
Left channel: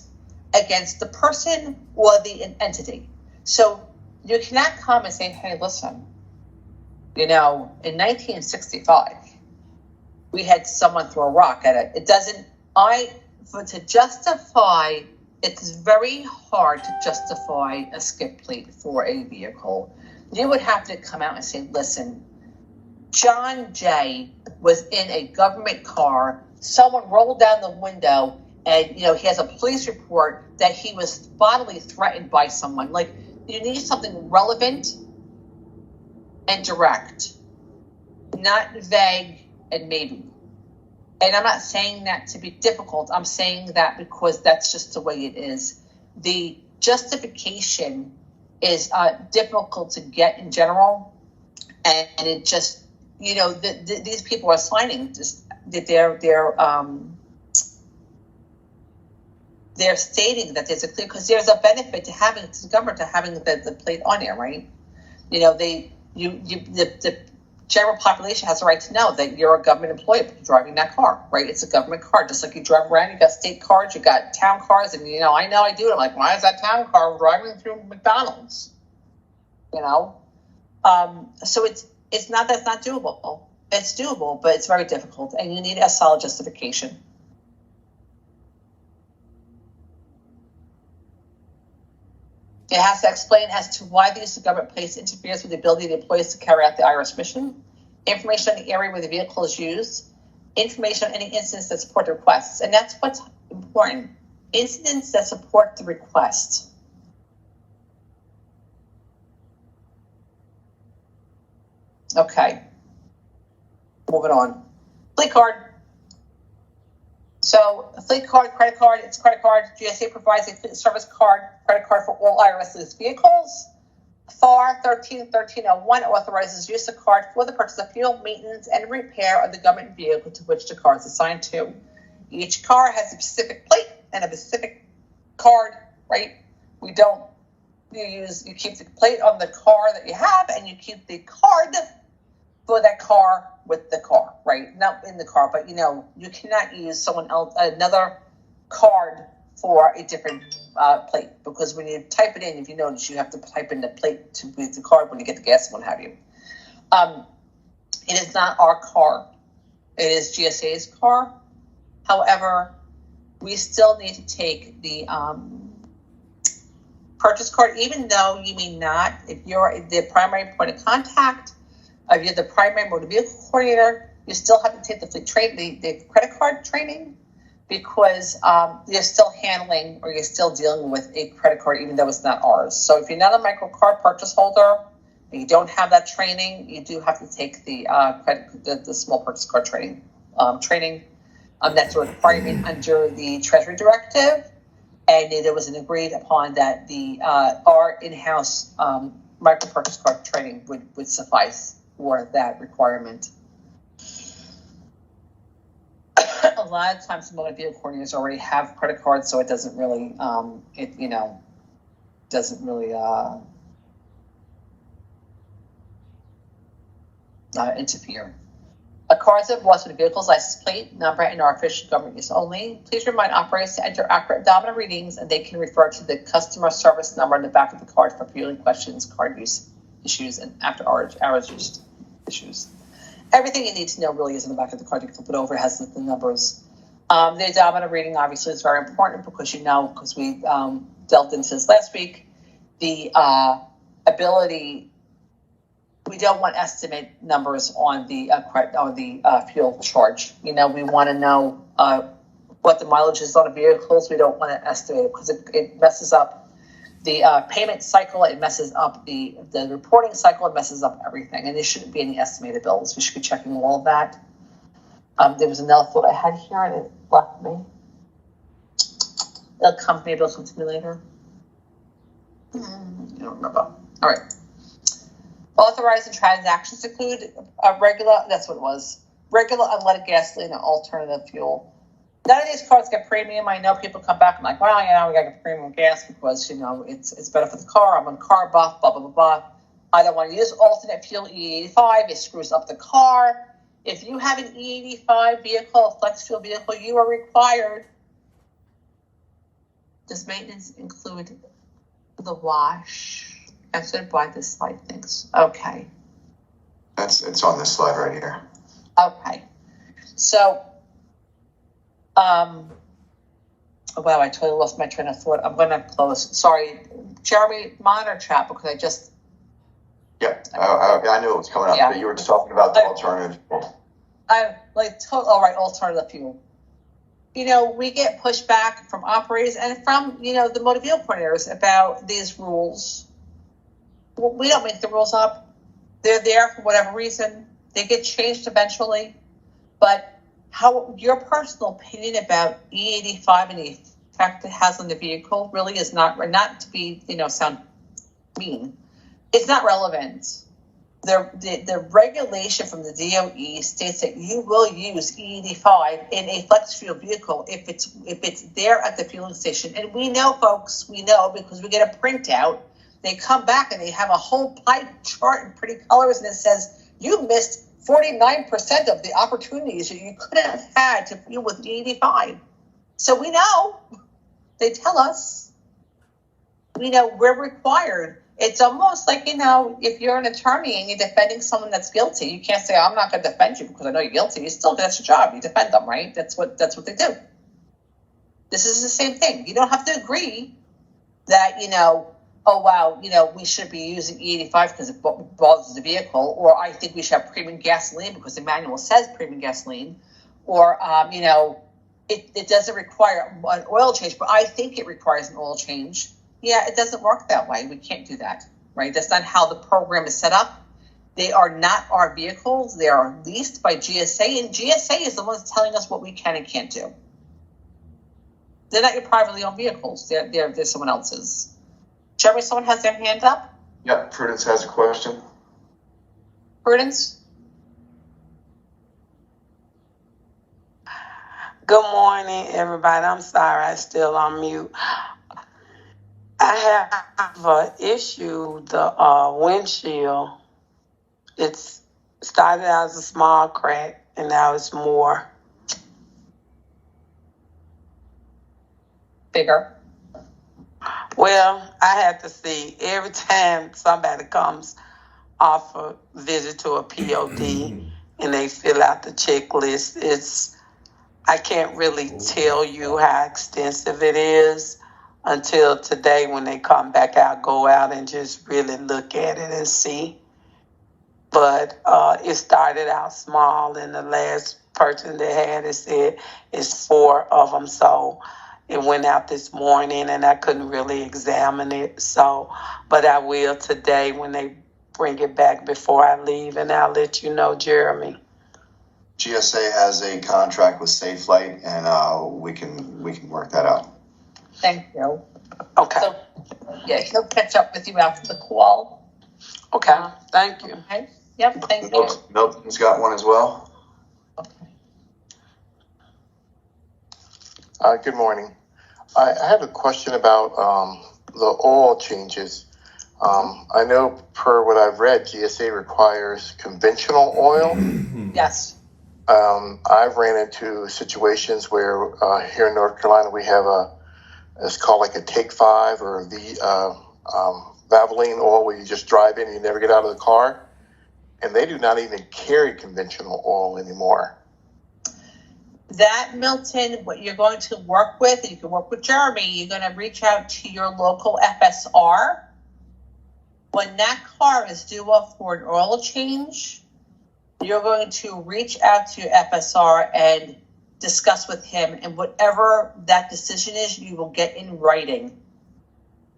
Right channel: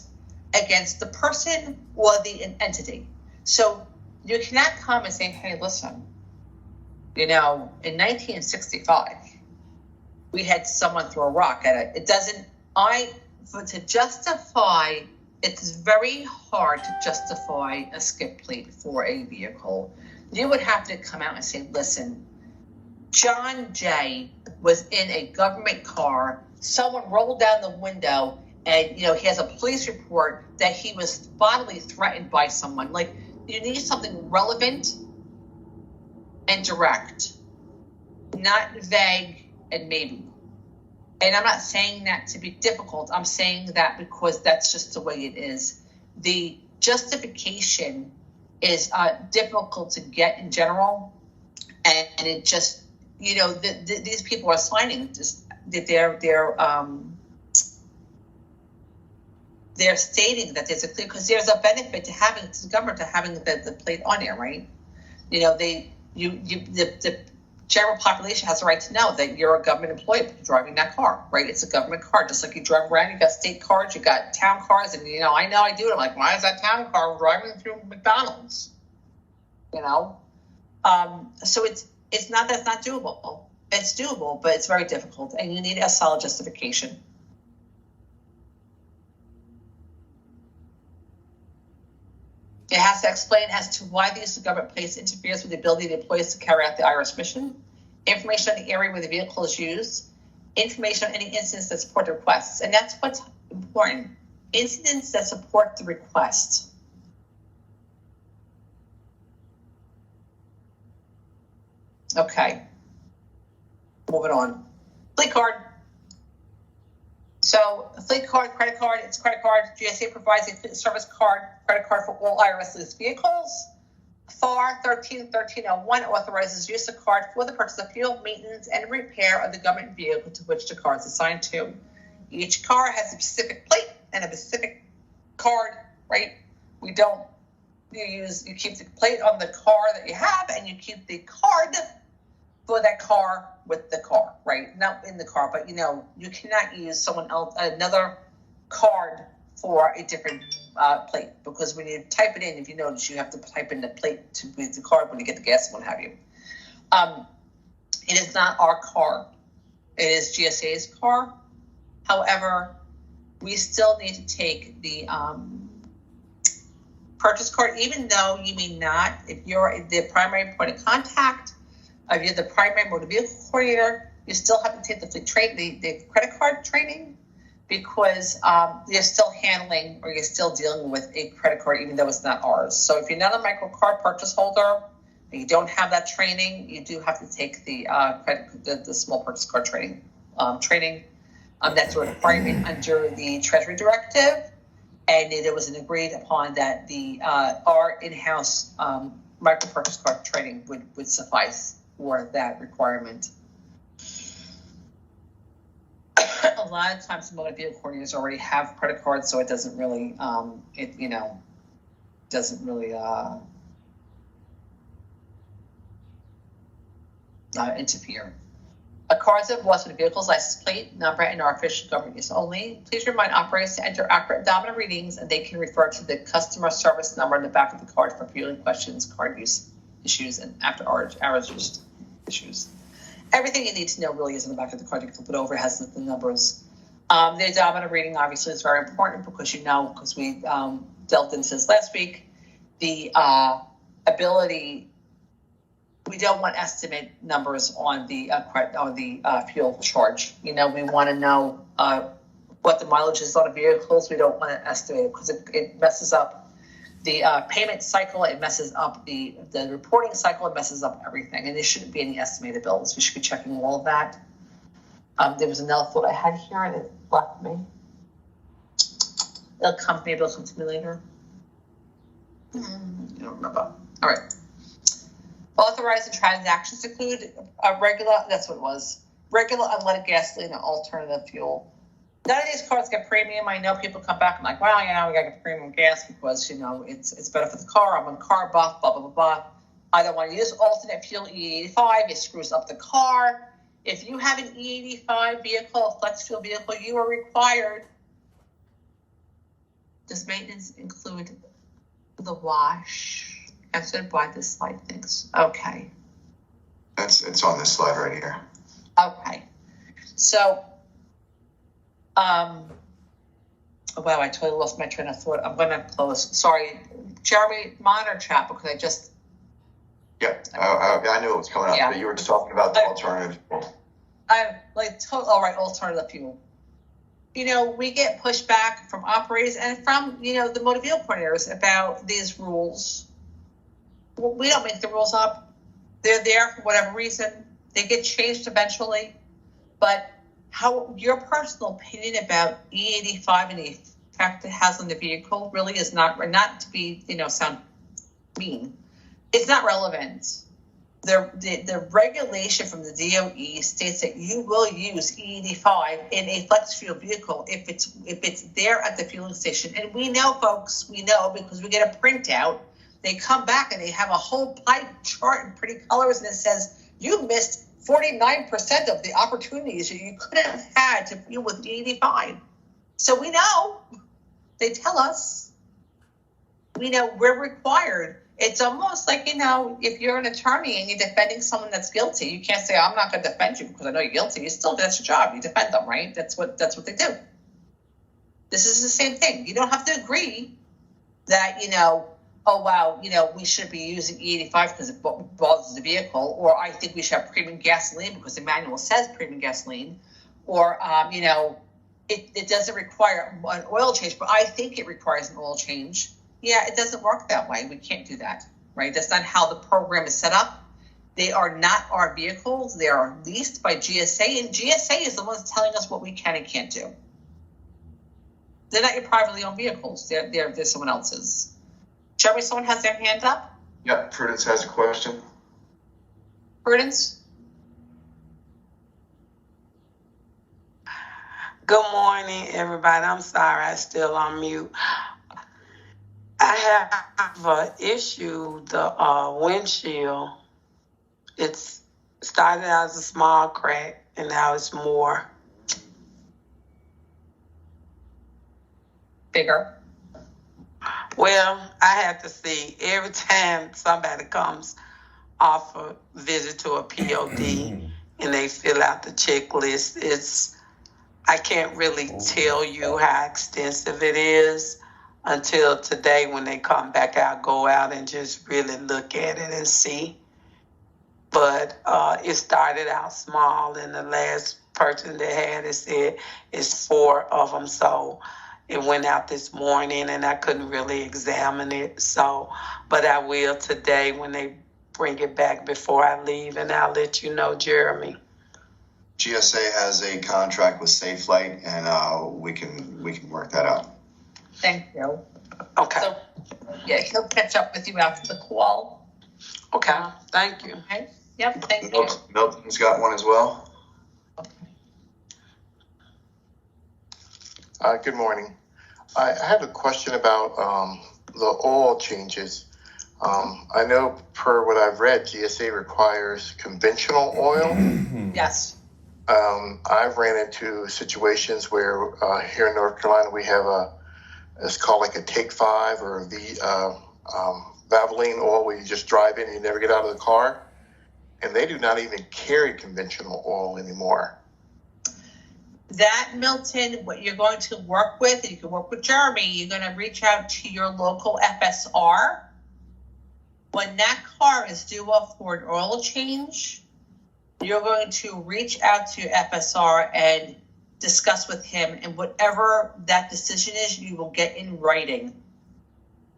against the person or the entity. So you cannot come and say, hey, listen, in 1965, we had someone throw a rock at it. It doesn't, to justify, it's very hard to justify a skip plate for a vehicle. You would have to come out and say, listen, John Jay was in a government car. Someone rolled down the window and, he has a police report that he was bodily threatened by someone. Like, you need something relevant and direct, not vague and maybe. And I'm not saying that to be difficult. I'm saying that because that's just the way it is. The justification is difficult to get in general. And it just, these people are signing just that they're stating that there's a clear, because there's a benefit to having, to the government, to having the plate on there, right? The general population has the right to know that you're a government employee driving that car, right? It's a government car, just like you drive around. You got state cars, you got town cars, and I know I do it. I'm like, why is that town car driving through McDonald's? So it's not, that's not doable. It's doable, but it's very difficult, and you need a solid justification. It has to explain as to why the use of government plates interferes with the ability of the employees to carry out the IRS mission, information on the area where the vehicle is used, information on any incidents that support the requests. And that's what's important. Incidents that support the request. Okay. Moving on. Fleet card. So a fleet card, credit card, it's credit card. GSA provides a fleet service card, credit card for all IRS leased vehicles. FAR 1301 authorizes use of card for the purchase of fuel, maintenance, and repair of the government vehicle to which the card is assigned to. Each car has a specific plate and a specific card, right? You keep the plate on the car that you have, and you keep the card for that car with the car, right? Not in the car, but you cannot use someone else, another card for a different plate, because when you type it in, if you notice, you have to type in the plate to with the card when you get the gas and what have you. It is not our car. It is GSA's car. However, we still need to take the purchase card, even though you may not, if you're the primary point of contact, if you're the primary motor vehicle coordinator, you still have to take the credit card training, because you're still handling, or you're still dealing with a credit card, even though it's not ours. So if you're not a micro card purchase holder and you don't have that training, you do have to take the the small purchase card training. That's a requirement under the Treasury Directive, and it was agreed upon that the our in-house micro purchase card training would suffice for that requirement. A lot of times, motor vehicle coordinators already have credit cards, so it doesn't really, interfere. A card that was with a vehicle's license plate, number, and are official government use only. Please remind operators to enter accurate odometer readings, and they can refer to the customer service number in the back of the card for fueling questions, card use issues, and after hours use issues. Everything you need to know really is in the back of the card. You flip it over, it has the numbers. The odometer reading obviously is very important, because because we delved into this last week. The ability, we don't want estimate numbers on the fuel charge. We want to know what the mileage is on the vehicles. We don't want to estimate it, because it messes up the payment cycle, it messes up the reporting cycle, it messes up everything, and there shouldn't be any estimated bills. We should be checking all of that. There was another thought I had here, and it left me. Maybe it'll come to me later. I don't remember. All right. Authorizing transactions include regular, that's what it was, regular unleaded gasoline and alternative fuel. None of these cards get premium. I know people come back and like, well, we got to get premium gas because, it's better for the car. I'm on car buff, blah, blah, blah, blah. I don't want to use alternate fuel E85. It screws up the car. If you have an E85 vehicle, a flex fuel vehicle, you are required. Does maintenance include the wash? I should buy this slide, thanks. Okay. It's on this slide right here. Okay. So, wow, I totally lost my train of thought. I'm going to close. Sorry, Jeremy, monitor chat because I just. Yeah, I knew it was coming up, Yeah. but you were just talking about the alternative. I'm like, all right, alternative fuel. You know, we get pushback from operators and from, you know, the motor vehicle coordinators about these rules. We don't make the rules up. They're there for whatever reason. They get changed eventually. But how your personal opinion about E85 and the effect it has on the vehicle really is not to be, you know, sound mean. It's not relevant. The regulation from the DOE states that you will use E85 in a flex fuel vehicle if it's there at the fueling station. And we know, folks, we know because we get a printout. They come back and they have a whole pie chart in pretty colors, and it says you missed 49% of the opportunities that you could have had to fuel with E85. So we know. They tell us. We know we're required. It's almost like, you know, if you're an attorney and you're defending someone that's guilty, you can't say, I'm not going to defend you because I know you're guilty. You still, that's your job. You defend them, right? That's what they do. This is the same thing. You don't have to agree that, you know, oh, wow, you know, we should be using E85 because it bothers the vehicle, or I think we should have premium gasoline because the manual says premium gasoline, or, you know, it doesn't require an oil change, but I think it requires an oil change. Yeah, it doesn't work that way. We can't do that, right? That's not how the program is set up. They are not our vehicles. They are leased by GSA, and GSA is the ones telling us what we can and can't do. They're not your privately owned vehicles. They're someone else's. Jeremy, someone has their hand up? Yeah, Prudence has a question. Prudence? Good morning, everybody. I'm sorry, I'm still on mute. I have an issue, the windshield. It's started out as a small crack, and now it's more. Bigger. Well, I have to see every time somebody comes off a visit to a POD and they fill out the checklist. I can't really tell you how extensive it is until today when they come back out, go out and just really look at it and see. But it started out small, and the last person that had it said it's 4 of them. So it went out this morning, and I couldn't really examine it. So, but I will today when they bring it back before I leave, and I'll let you know, Jeremy. GSA has a contract with SafeLight, and we can work that out. Thank you. Okay. So, yeah, he'll catch up with you after the call. Okay. Thank you. Okay. Yep. Thank you. Milton's got one as well. Good morning. I have a question about the oil changes. I know per what I've read, GSA requires conventional oil. Yes. I've ran into situations where here in North Carolina we have it's called like a Take 5 or the Valvoline oil where you just drive in and you never get out of the car. And they do not even carry conventional oil anymore. That, Milton, what you're going to work with, you can work with Jeremy, you're going to reach out to your local FSR. When that car is due for an oil change, you're going to reach out to FSR and discuss with him, and whatever that decision is, you will get in writing.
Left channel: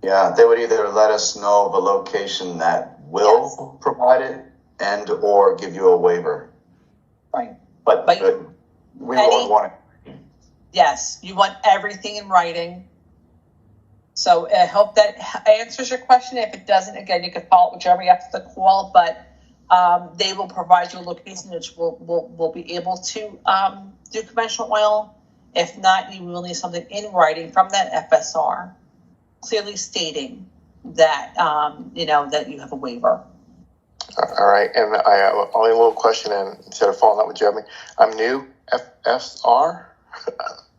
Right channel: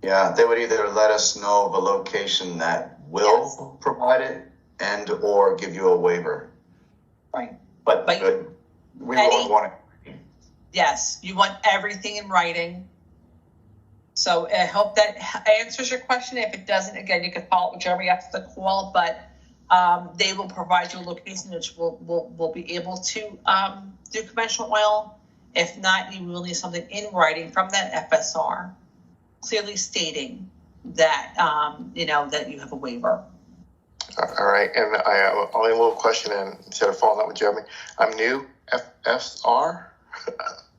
Yeah, they would either let us know of a location that will provide it and or give you a waiver. Right. But we won't want it. Yes, you want everything in writing. So I hope that answers your question. If it doesn't, again, you can follow up with Jeremy after the call, but they will provide you a location which will be able to do conventional oil. If not, you will need something in writing from that FSR, clearly stating that that you have a waiver. All right, and I have only a little question, and instead of following up with Jeremy, I'm new, FSR?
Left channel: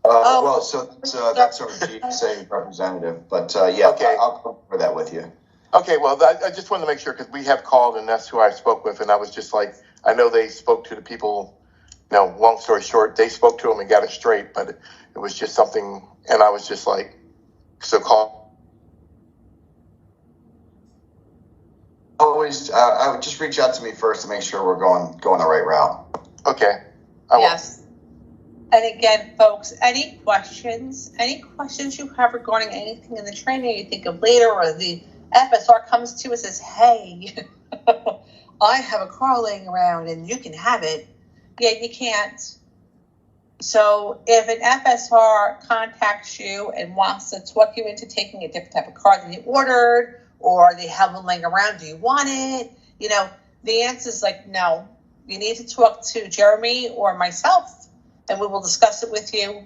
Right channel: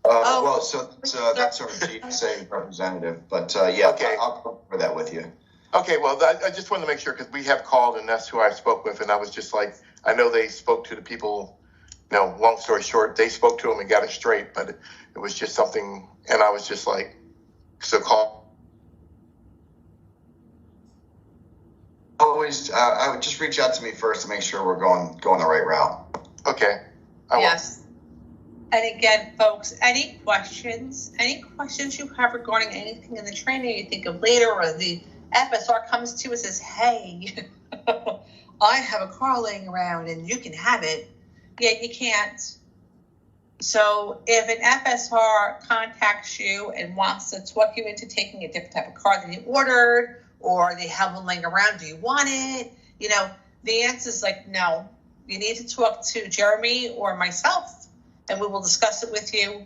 Well, so that's sort of GSA representative, but yeah, Okay. I'll cover that with you. Okay, well, I just wanted to make sure, because we have called, and that's who I spoke with, and I was just like, I know they spoke to the people, long story short, they spoke to them and got it straight, but it was just something, and I was just like, so call. Always, I would just reach out to me first to make sure we're going the right route. Okay. I will. Yes. And again, folks, any questions you have regarding anything in the training you think of later, or the FSR comes to us and says, hey, I have a car laying around and you can have it. Yeah, you can't. So if an FSR contacts you and wants to talk you into taking a different type of car than you ordered, or they have one laying around, do you want it? The answer is like, no. You need to talk to Jeremy or myself, and we will discuss it with you.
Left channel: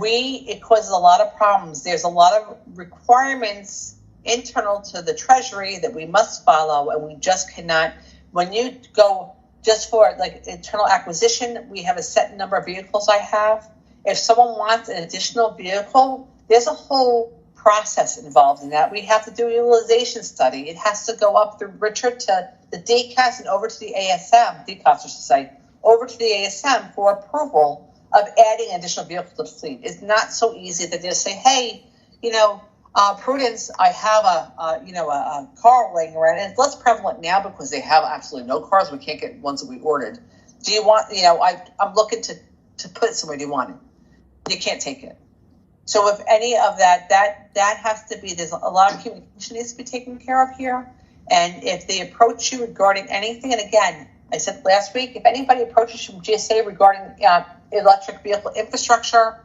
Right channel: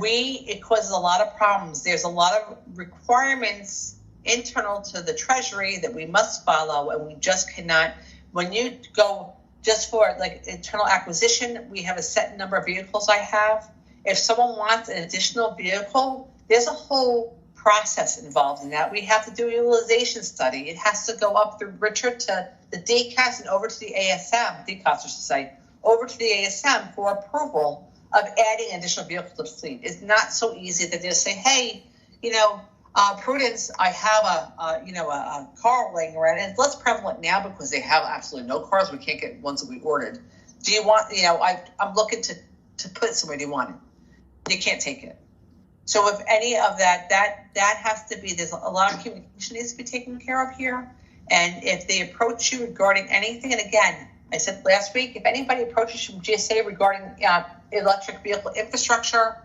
It causes a lot of problems. There's a lot of requirements internal to the Treasury that we must follow, and we just cannot. When you go just for like internal acquisition, we have a set number of vehicles I have. If someone wants an additional vehicle, there's a whole process involved in that. We have to do a utilization study. It has to go up through Richard to the DCAS and over to the ASM, DCAS I should say, over to the ASM for approval of adding an additional vehicle to the fleet. It's not so easy that they just say, hey, Prudence, I have a car laying around, and it's less prevalent now because they have absolutely no cars. We can't get ones that we ordered. Do you want, I'm looking to put it somewhere. Do you want it? You can't take it. So if any of that has to be, there's a lot of communication needs to be taken care of here. And if they approach you regarding anything, and again, I said last week, if anybody approaches you from GSA regarding electric vehicle infrastructure,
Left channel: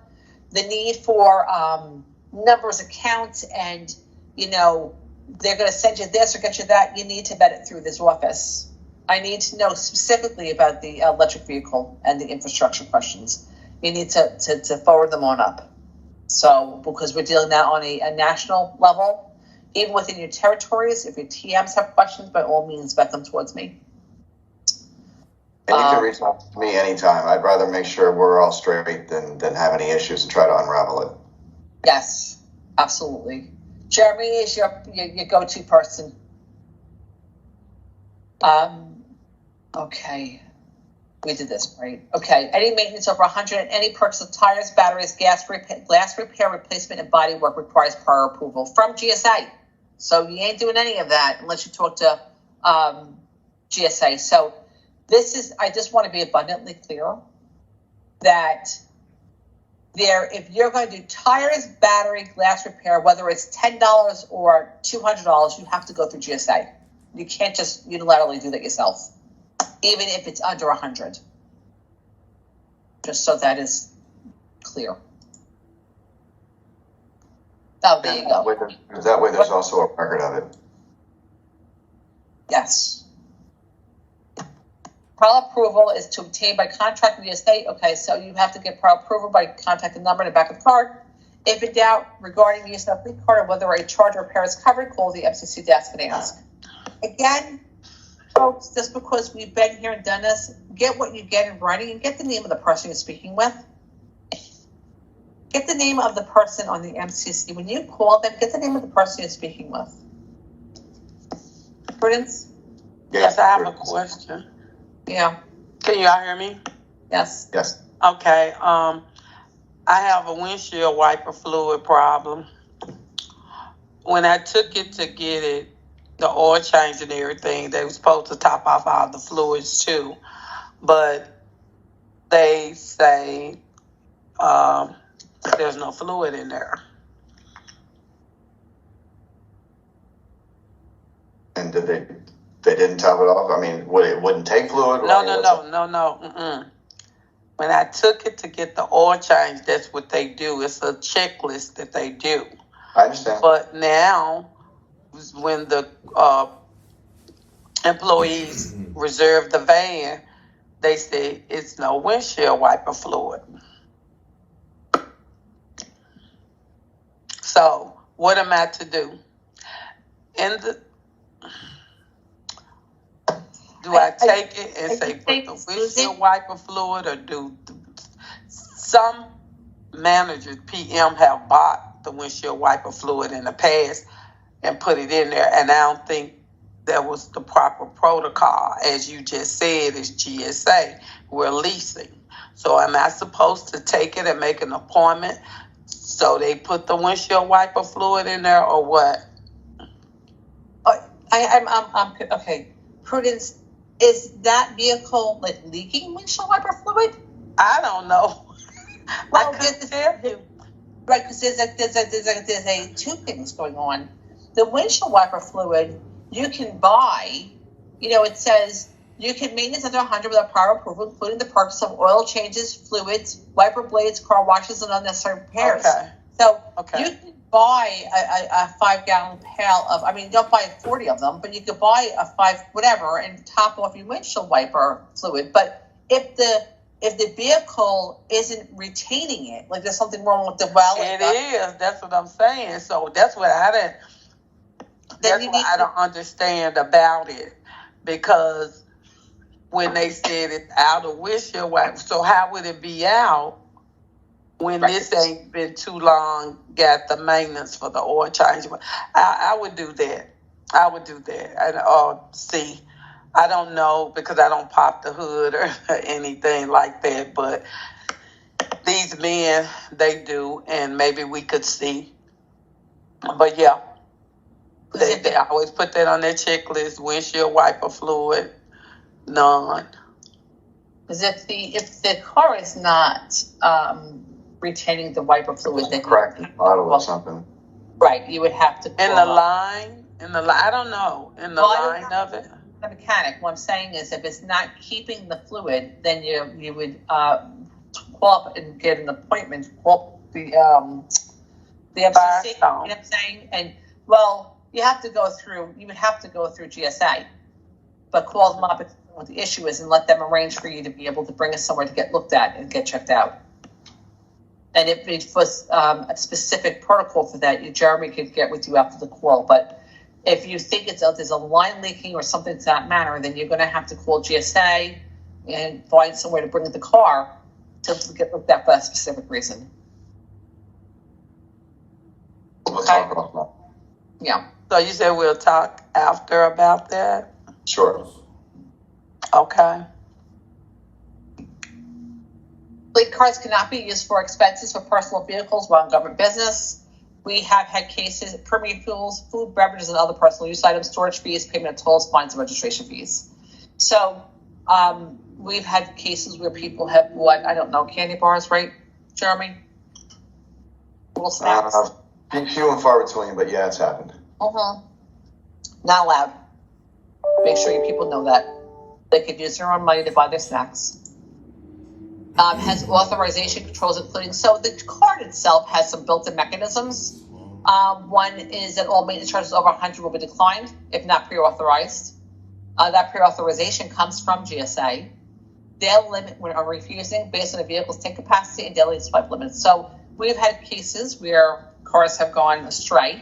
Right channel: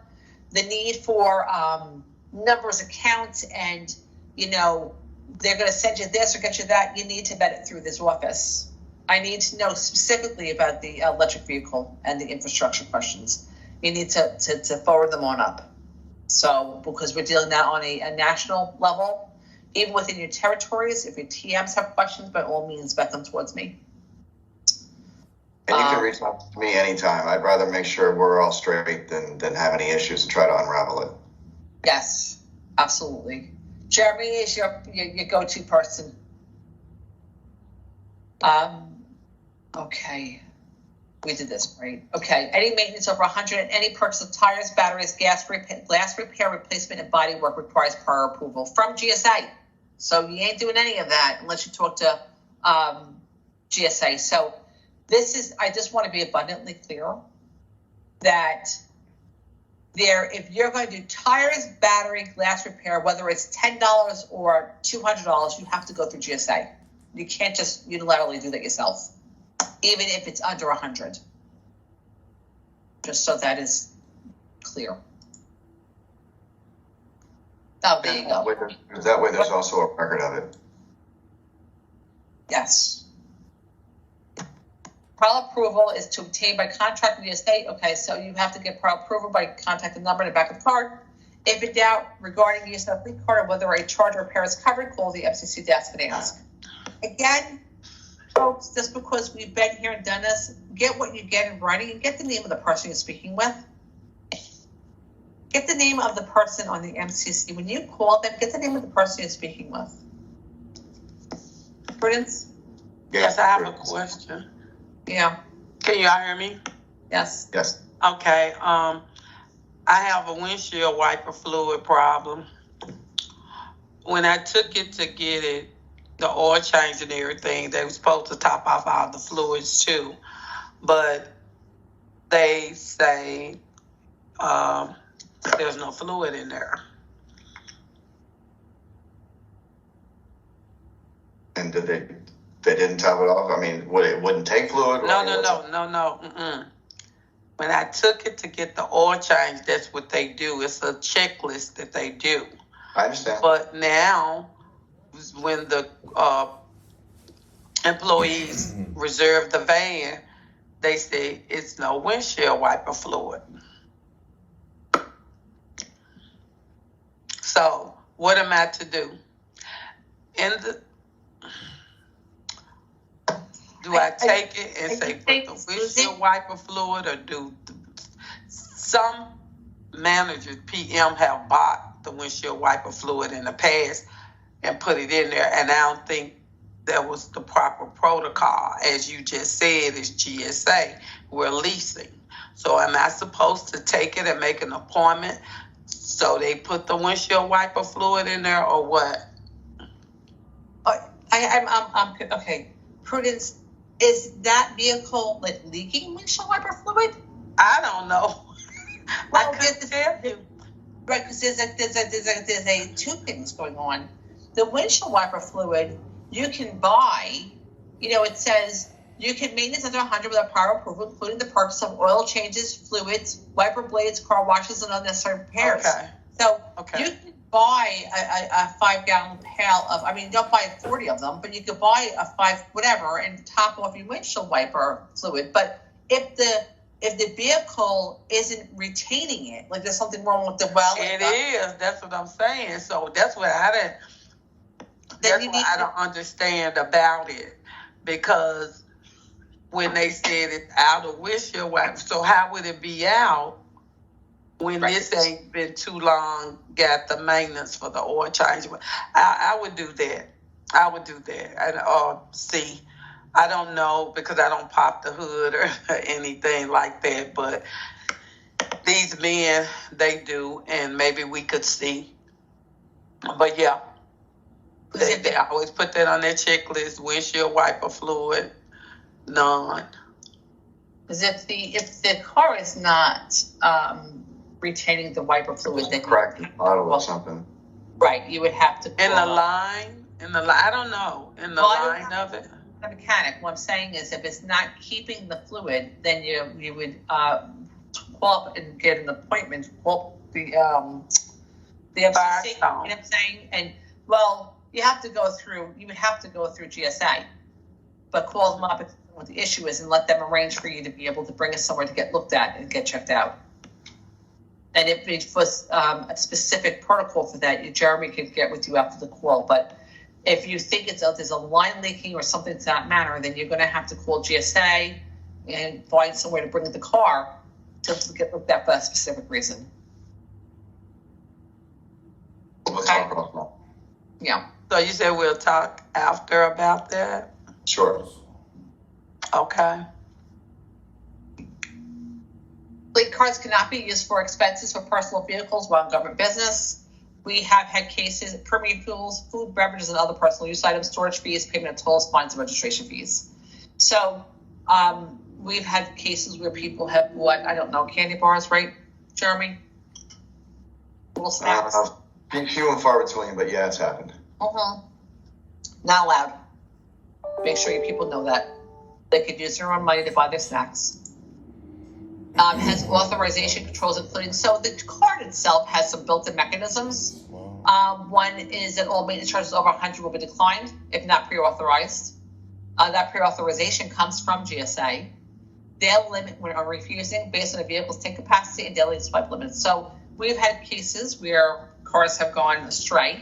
the need for numbers, accounts, and they're going to send you this or get you that, you need to vet it through this office. I need to know specifically about the electric vehicle and the infrastructure questions. You need to forward them on up. So, because we're dealing now on a national level, even within your territories, if your TMs have questions, by all means, vet them towards me. And you can reach out to me anytime. I'd rather make sure we're all straight than have any issues and try to unravel it. Yes, absolutely. Jeremy is your go-to person. Okay. We did this, right? Okay. Any maintenance over 100 and any purchase of tires, batteries, glass repair, replacement, and body work requires prior approval from GSA. So you ain't doing any of that unless you talk to GSA. So I just want to be abundantly clear that if you're going to do tires, battery, glass repair, whether it's $10 or $200, you have to go through GSA. You can't just unilaterally do that yourself, even if it's under 100. Just so that is clear. Oh, there you go. That way there's also a record of it. Yes. Prior approval is to obtain by contract with the estate. Okay, so you have to get prior approval by contacting the number in the back of the card. If in doubt regarding the use of the fleet card or whether a charge or repair is covered, call the FCC desk and ask. Again, folks, just because we've been here and done this, get what you get in writing and get the name of the person you're speaking with. Get the name of the person on the MCC. When you call them, get the name of the person you're speaking with. Prudence? Yes, I have a question. Yeah. Can you all hear me? Yes. Yes. Okay. I have a windshield wiper fluid problem. When I took it to get it, the oil change and everything, they were supposed to top off all the fluids too. But they say there's no fluid in there. And did they didn't top it off? I mean, it wouldn't take fluid? No. Mm-mm. When I took it to get the oil change, that's what they do. It's a checklist that they do. I understand. But now, when the employees reserve the van, they say it's no windshield wiper fluid. So, what am I to do? Do I take it and say put the windshield wiper fluid, or do some managers, PM, have bought the windshield wiper fluid in the past and put it in there, and I don't think that was the proper protocol. As you just said, it's GSA. We're leasing. So am I supposed to take it and make an appointment so they put the windshield wiper fluid in there, or what? I'm okay. Prudence, is that vehicle like leaking windshield wiper fluid? I don't know. Well, I couldn't tell you. Right, because there's two things going on. The windshield wiper fluid you can buy. It says you can maintenance under 100 without prior approval, including the purchase of oil changes, fluids, wiper blades, car washes, and unnecessary repairs. Okay. So Okay. you can buy a 5-gallon pail of. I mean, don't buy 40 of them, but you could buy a 5 whatever and top off your windshield wiper fluid. But if the vehicle isn't retaining it, like there's something wrong with the well. It is. That's what I'm saying. So that's what I didn't. That's what I don't understand about it, because when they said it's out of windshield wiper, so how would it be out when this ain't been too long? Got the maintenance for the oil change. I would do that. I would do that. And see, I don't know, because I don't pop the hood or anything like that, but these men, they do, and maybe we could see. But yeah, they always put that on their checklist: windshield wiper fluid, none. Because if the car is not retaining the wiper fluid, then Crack the bottle or something. right, you would have to In the line, I don't know, in the line of it. The mechanic. What I'm saying is, if it's not keeping the fluid, then you would call up and get an appointment. Call the FCC. You know what I'm saying? And you have to go through. You would have to go through GSA, but call them up and tell them what the issue is, and let them arrange for you to be able to bring us somewhere to get looked at and get checked out. And if it was a specific protocol for that, Jeremy could get with you after the call. But if you think there's a line leaking or something to that matter, then you're going to have to call GSA and find somewhere to bring the car to get looked at for that specific reason. We'll talk about that. Yeah. So you said we'll talk after about that? Sure. Okay. Fleet cards cannot be used for expenses for personal vehicles while in government business. We have had cases, premium fuels, food, beverages, and other personal use items, storage fees, payment of tolls, fines, and registration fees. So we've had cases where people have bought, I don't know, candy bars, right, Jeremy? Little snacks. Few and far between, but yeah, it's happened. Not allowed. Make sure you people know that. They could use their own money to buy their snacks. Has authorization controls, including, so the card itself has some built-in mechanisms. One is that all maintenance charges over 100 will be declined if not pre-authorized. That pre-authorization comes from GSA. They'll limit when are refusing based on the vehicle's tank capacity and daily swipe limits. So we've had cases where cars have gone astray,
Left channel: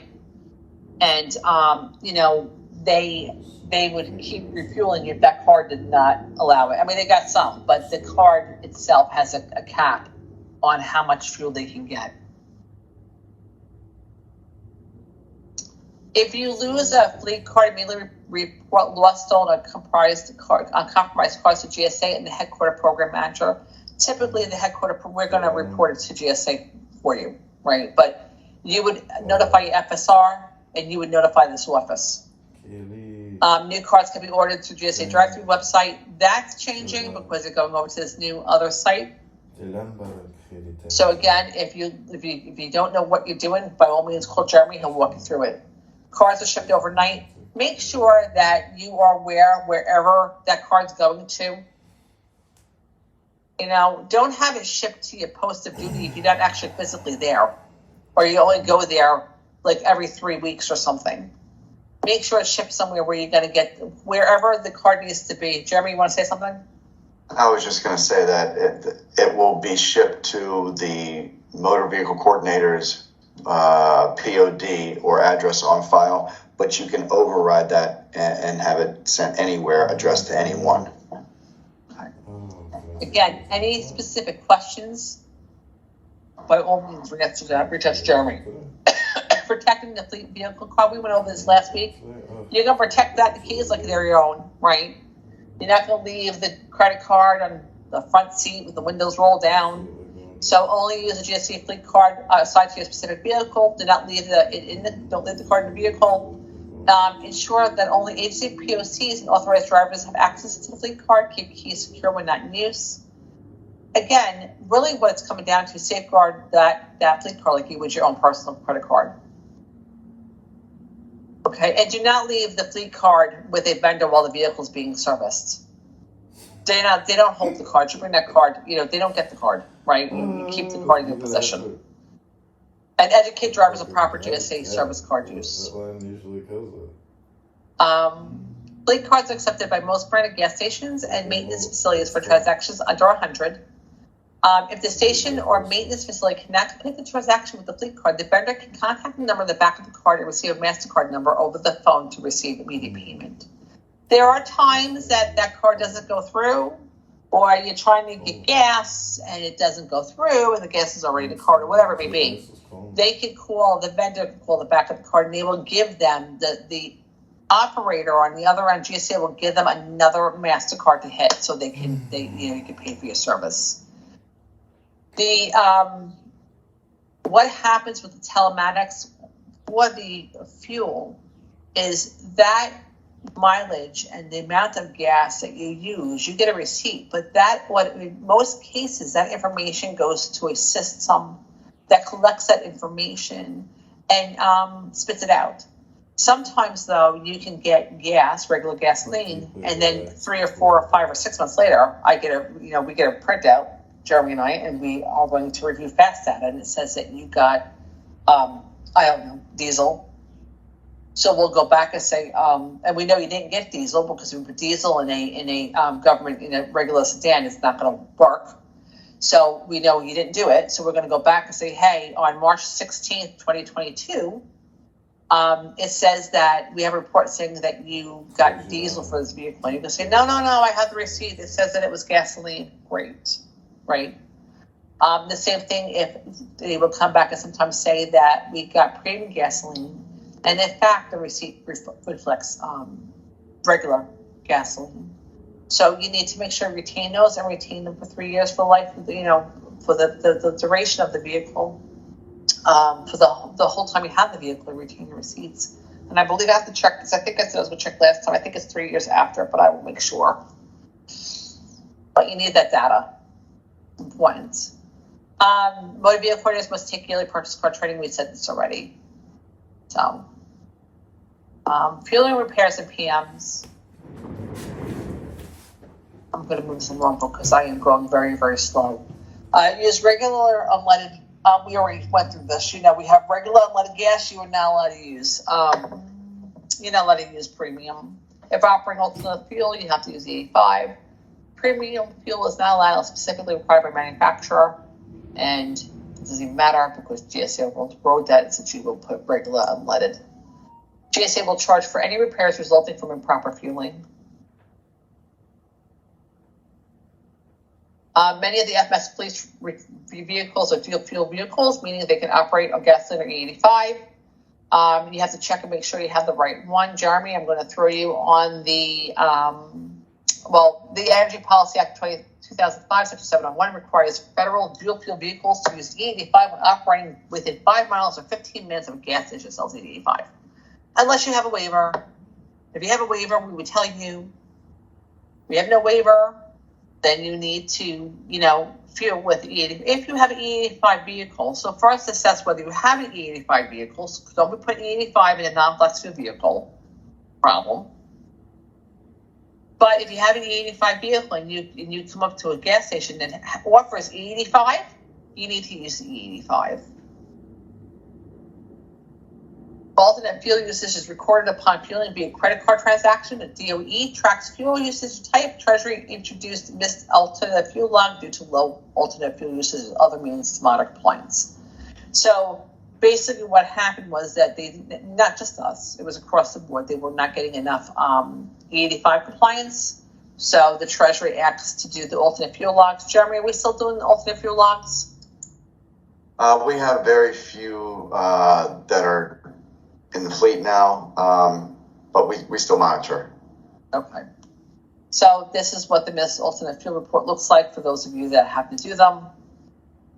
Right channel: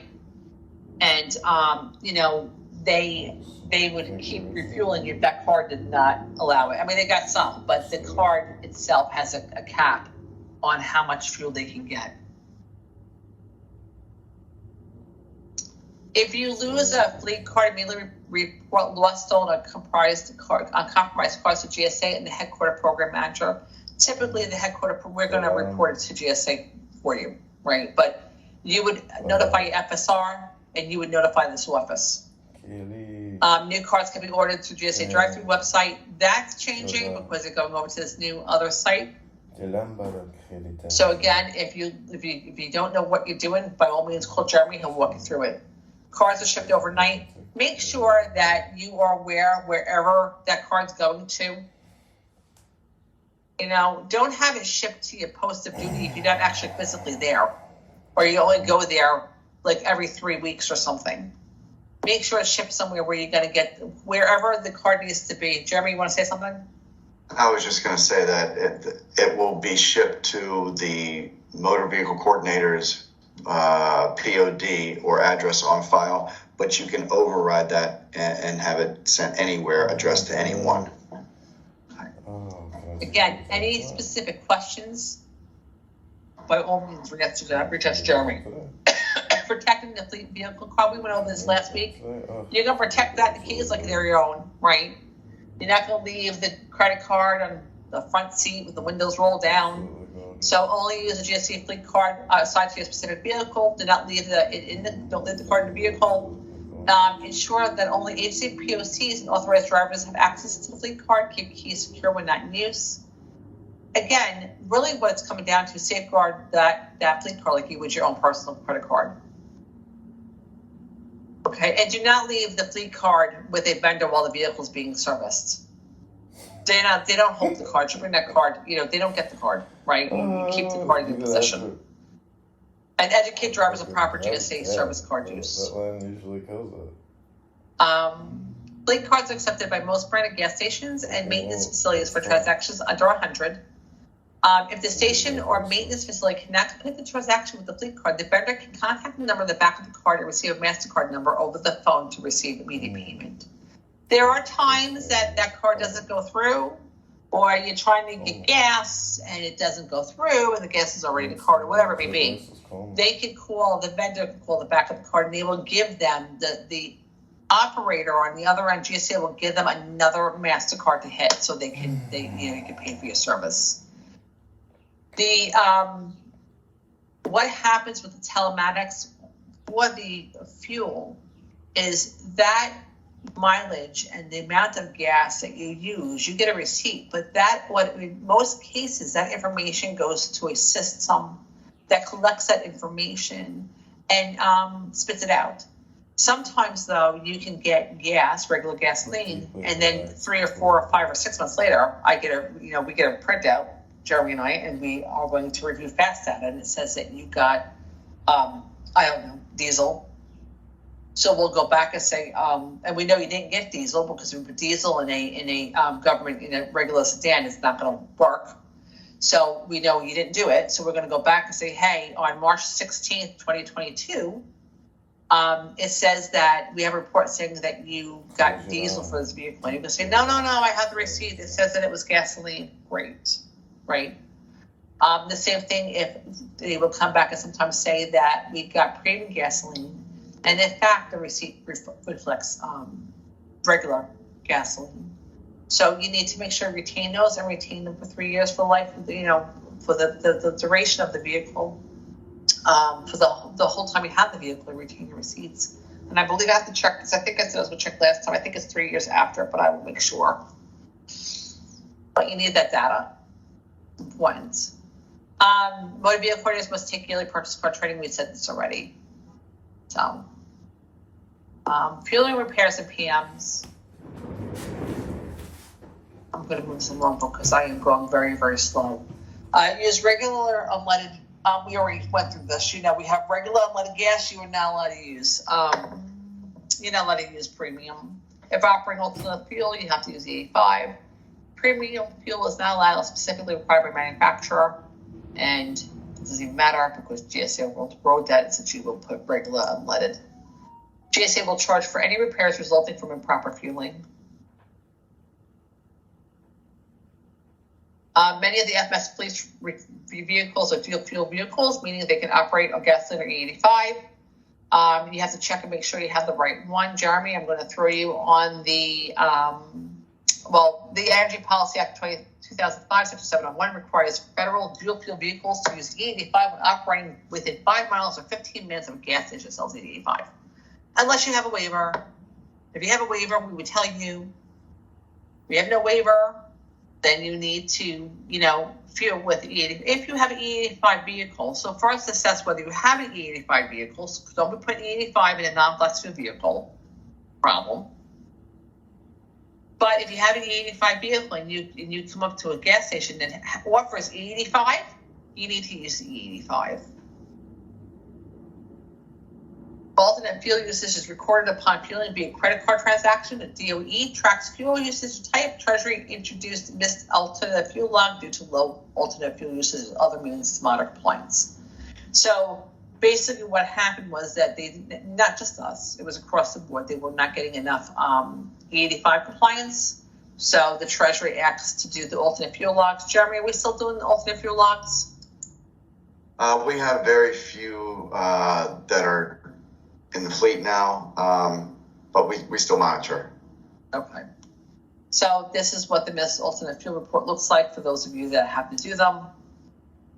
and they would keep refueling if that card did not allow it. I mean, they got some, but the card itself has a cap on how much fuel they can get. If you lose a fleet card, immediately report lost, stolen, or compromised cards to GSA and the headquarter program manager. Typically, the headquarter, we're going to report it to GSA for you, right? But you would notify your FSR, and you would notify this office. New cards can be ordered through GSA drive-through website. That's changing because they're going over to this new other site. So again, if you don't know what you're doing, by all means call Jeremy. He'll walk you through it. Cards are shipped overnight. Make sure that you are aware wherever that card's going to. Don't have it shipped to your post of duty if you're not actually physically there, or you only go there like every 3 weeks or something. Make sure it's shipped somewhere where you're going to get wherever the card needs to be. Jeremy, you want to say something? I was just going to say that it will be shipped to the motor vehicle coordinator's POD or address on file, but you can override that and have it sent anywhere, addressed to anyone. Again, any specific questions, by all means, reach out to Jeremy. Protecting the fleet vehicle card, we went over this last week. You're going to protect that, the keys like they're your own, right? You're not going to leave the credit card on the front seat with the windows rolled down. So only use a GSA fleet card assigned to your specific vehicle. Do not leave don't leave the card in the vehicle. Ensure that only agency POCs and authorized drivers have access to the fleet card. Keep keys secure when not in use. Again, really what it's coming down to is safeguard that fleet card like you would your own personal credit card. Okay, and do not leave the fleet card with a vendor while the vehicle is being serviced. They don't hold the card. You bring that card, they don't get the card, right? You keep the card in your possession. And educate drivers on proper GSA service card use. Fleet cards are accepted by most branded gas stations and maintenance facilities for transactions under 100. If the station or maintenance facility cannot complete the transaction with the fleet card, the vendor can contact the number on the back of the card and receive a MasterCard number over the phone to receive immediate payment. There are times that card doesn't go through, or you're trying to get gas and it doesn't go through and the gas is already in the card or whatever it may be. They can call, the vendor can call the back of the card and they will give them, the operator on the other end, GSA will give them another MasterCard to hit so you can pay for your service. What happens with the telematics for the fuel is that mileage and the amount of gas that you use, you get a receipt, but in most cases, that information goes to a system that collects that information and spits it out. Sometimes, though, you can get regular gasoline, and then 3 or 4 or 5 or 6 months later, we get a printout, Jeremy and I, and we are going to review fast data, and it says that you got, diesel. So we'll go back and say, and we know you didn't get diesel because diesel in a government, in a regular sedan is not going to work. So we know you didn't do it. So we're going to go back and say, hey, on March 16th, 2022, it says that we have a report saying that you got diesel for this vehicle. And you can say, no, I have the receipt. It says that it was gasoline. Great, right? The same thing if they will come back and sometimes say that we got premium gasoline. And in fact, the receipt reflects regular gasoline. So you need to make sure you retain those and retain them for 3 years for life, for the duration of the vehicle, for the whole time you have the vehicle, retain your receipts. And I believe I have to check, because I think I said it was checked last time. I think it's 3 years after, but I will make sure. But you need that data. Important. Motor vehicle owners must take yearly purchase car training. We said this already. So, fueling repairs and PMs. I'm going to move this along because I am going very, very slow. Use regular unleaded. We already went through this. We have regular unleaded gas. You are not allowed to use. You're not allowed to use premium. If operating alternate fuel, you have to use 85. Premium fuel is not allowed, specifically required by manufacturer, and it doesn't even matter because GSA wrote that since you will put regular unleaded. GSA will charge for any repairs resulting from improper fueling. Many of the FMS police vehicles are dual fuel vehicles, meaning they can operate on gasoline or E85. You have to check and make sure you have the right one. Jeremy, I'm going to throw you on the Energy Policy Act 2005, Section 701 requires federal dual fuel vehicles to use E85 when operating within 5 miles or 15 minutes of a gas station that sells E85. Unless you have a waiver. If you have a waiver, we would tell you. If you have no waiver, then you need to, fuel with E85. If you have an E85 vehicle, so for us to assess whether you have an E85 vehicle, so don't be putting E85 in a non-flex fuel vehicle, problem. But if you have an E85 vehicle and you come up to a gas station that offers E85, you need to use the E85. Alternate fuel usage is recorded upon fueling via credit card transaction. The DOE tracks fuel usage type. Treasury introduced missed alternate fuel log due to low alternate fuel usage and other means of moderate compliance. So basically what happened was that they, not just us, it was across the board, they were not getting enough E85 compliance. So the Treasury asked to do the alternate fuel logs. Jeremy, are we still doing the alternate fuel logs? We have very few that are in the fleet now, but we still monitor. Okay. So this is what the missed alternate fuel report looks like for those of you that have to do them.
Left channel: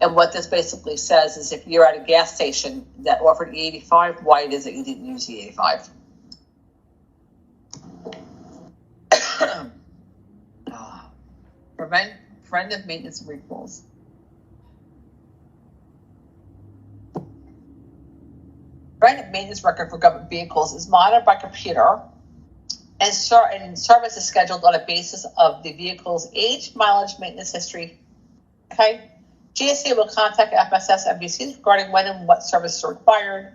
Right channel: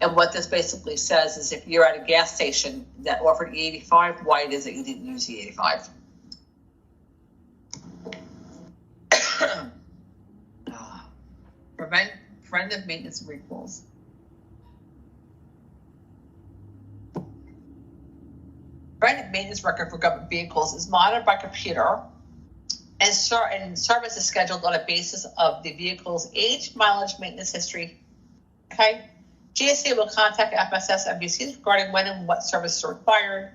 And what this basically says is if you're at a gas station that offered E85, why it is that you didn't use E85. Preventive maintenance and recalls. Preventive maintenance record for government vehicles is monitored by computer and service is scheduled on a basis of the vehicle's age, mileage, maintenance history. Okay? GSA will contact FSS MVCs regarding when and what services are required.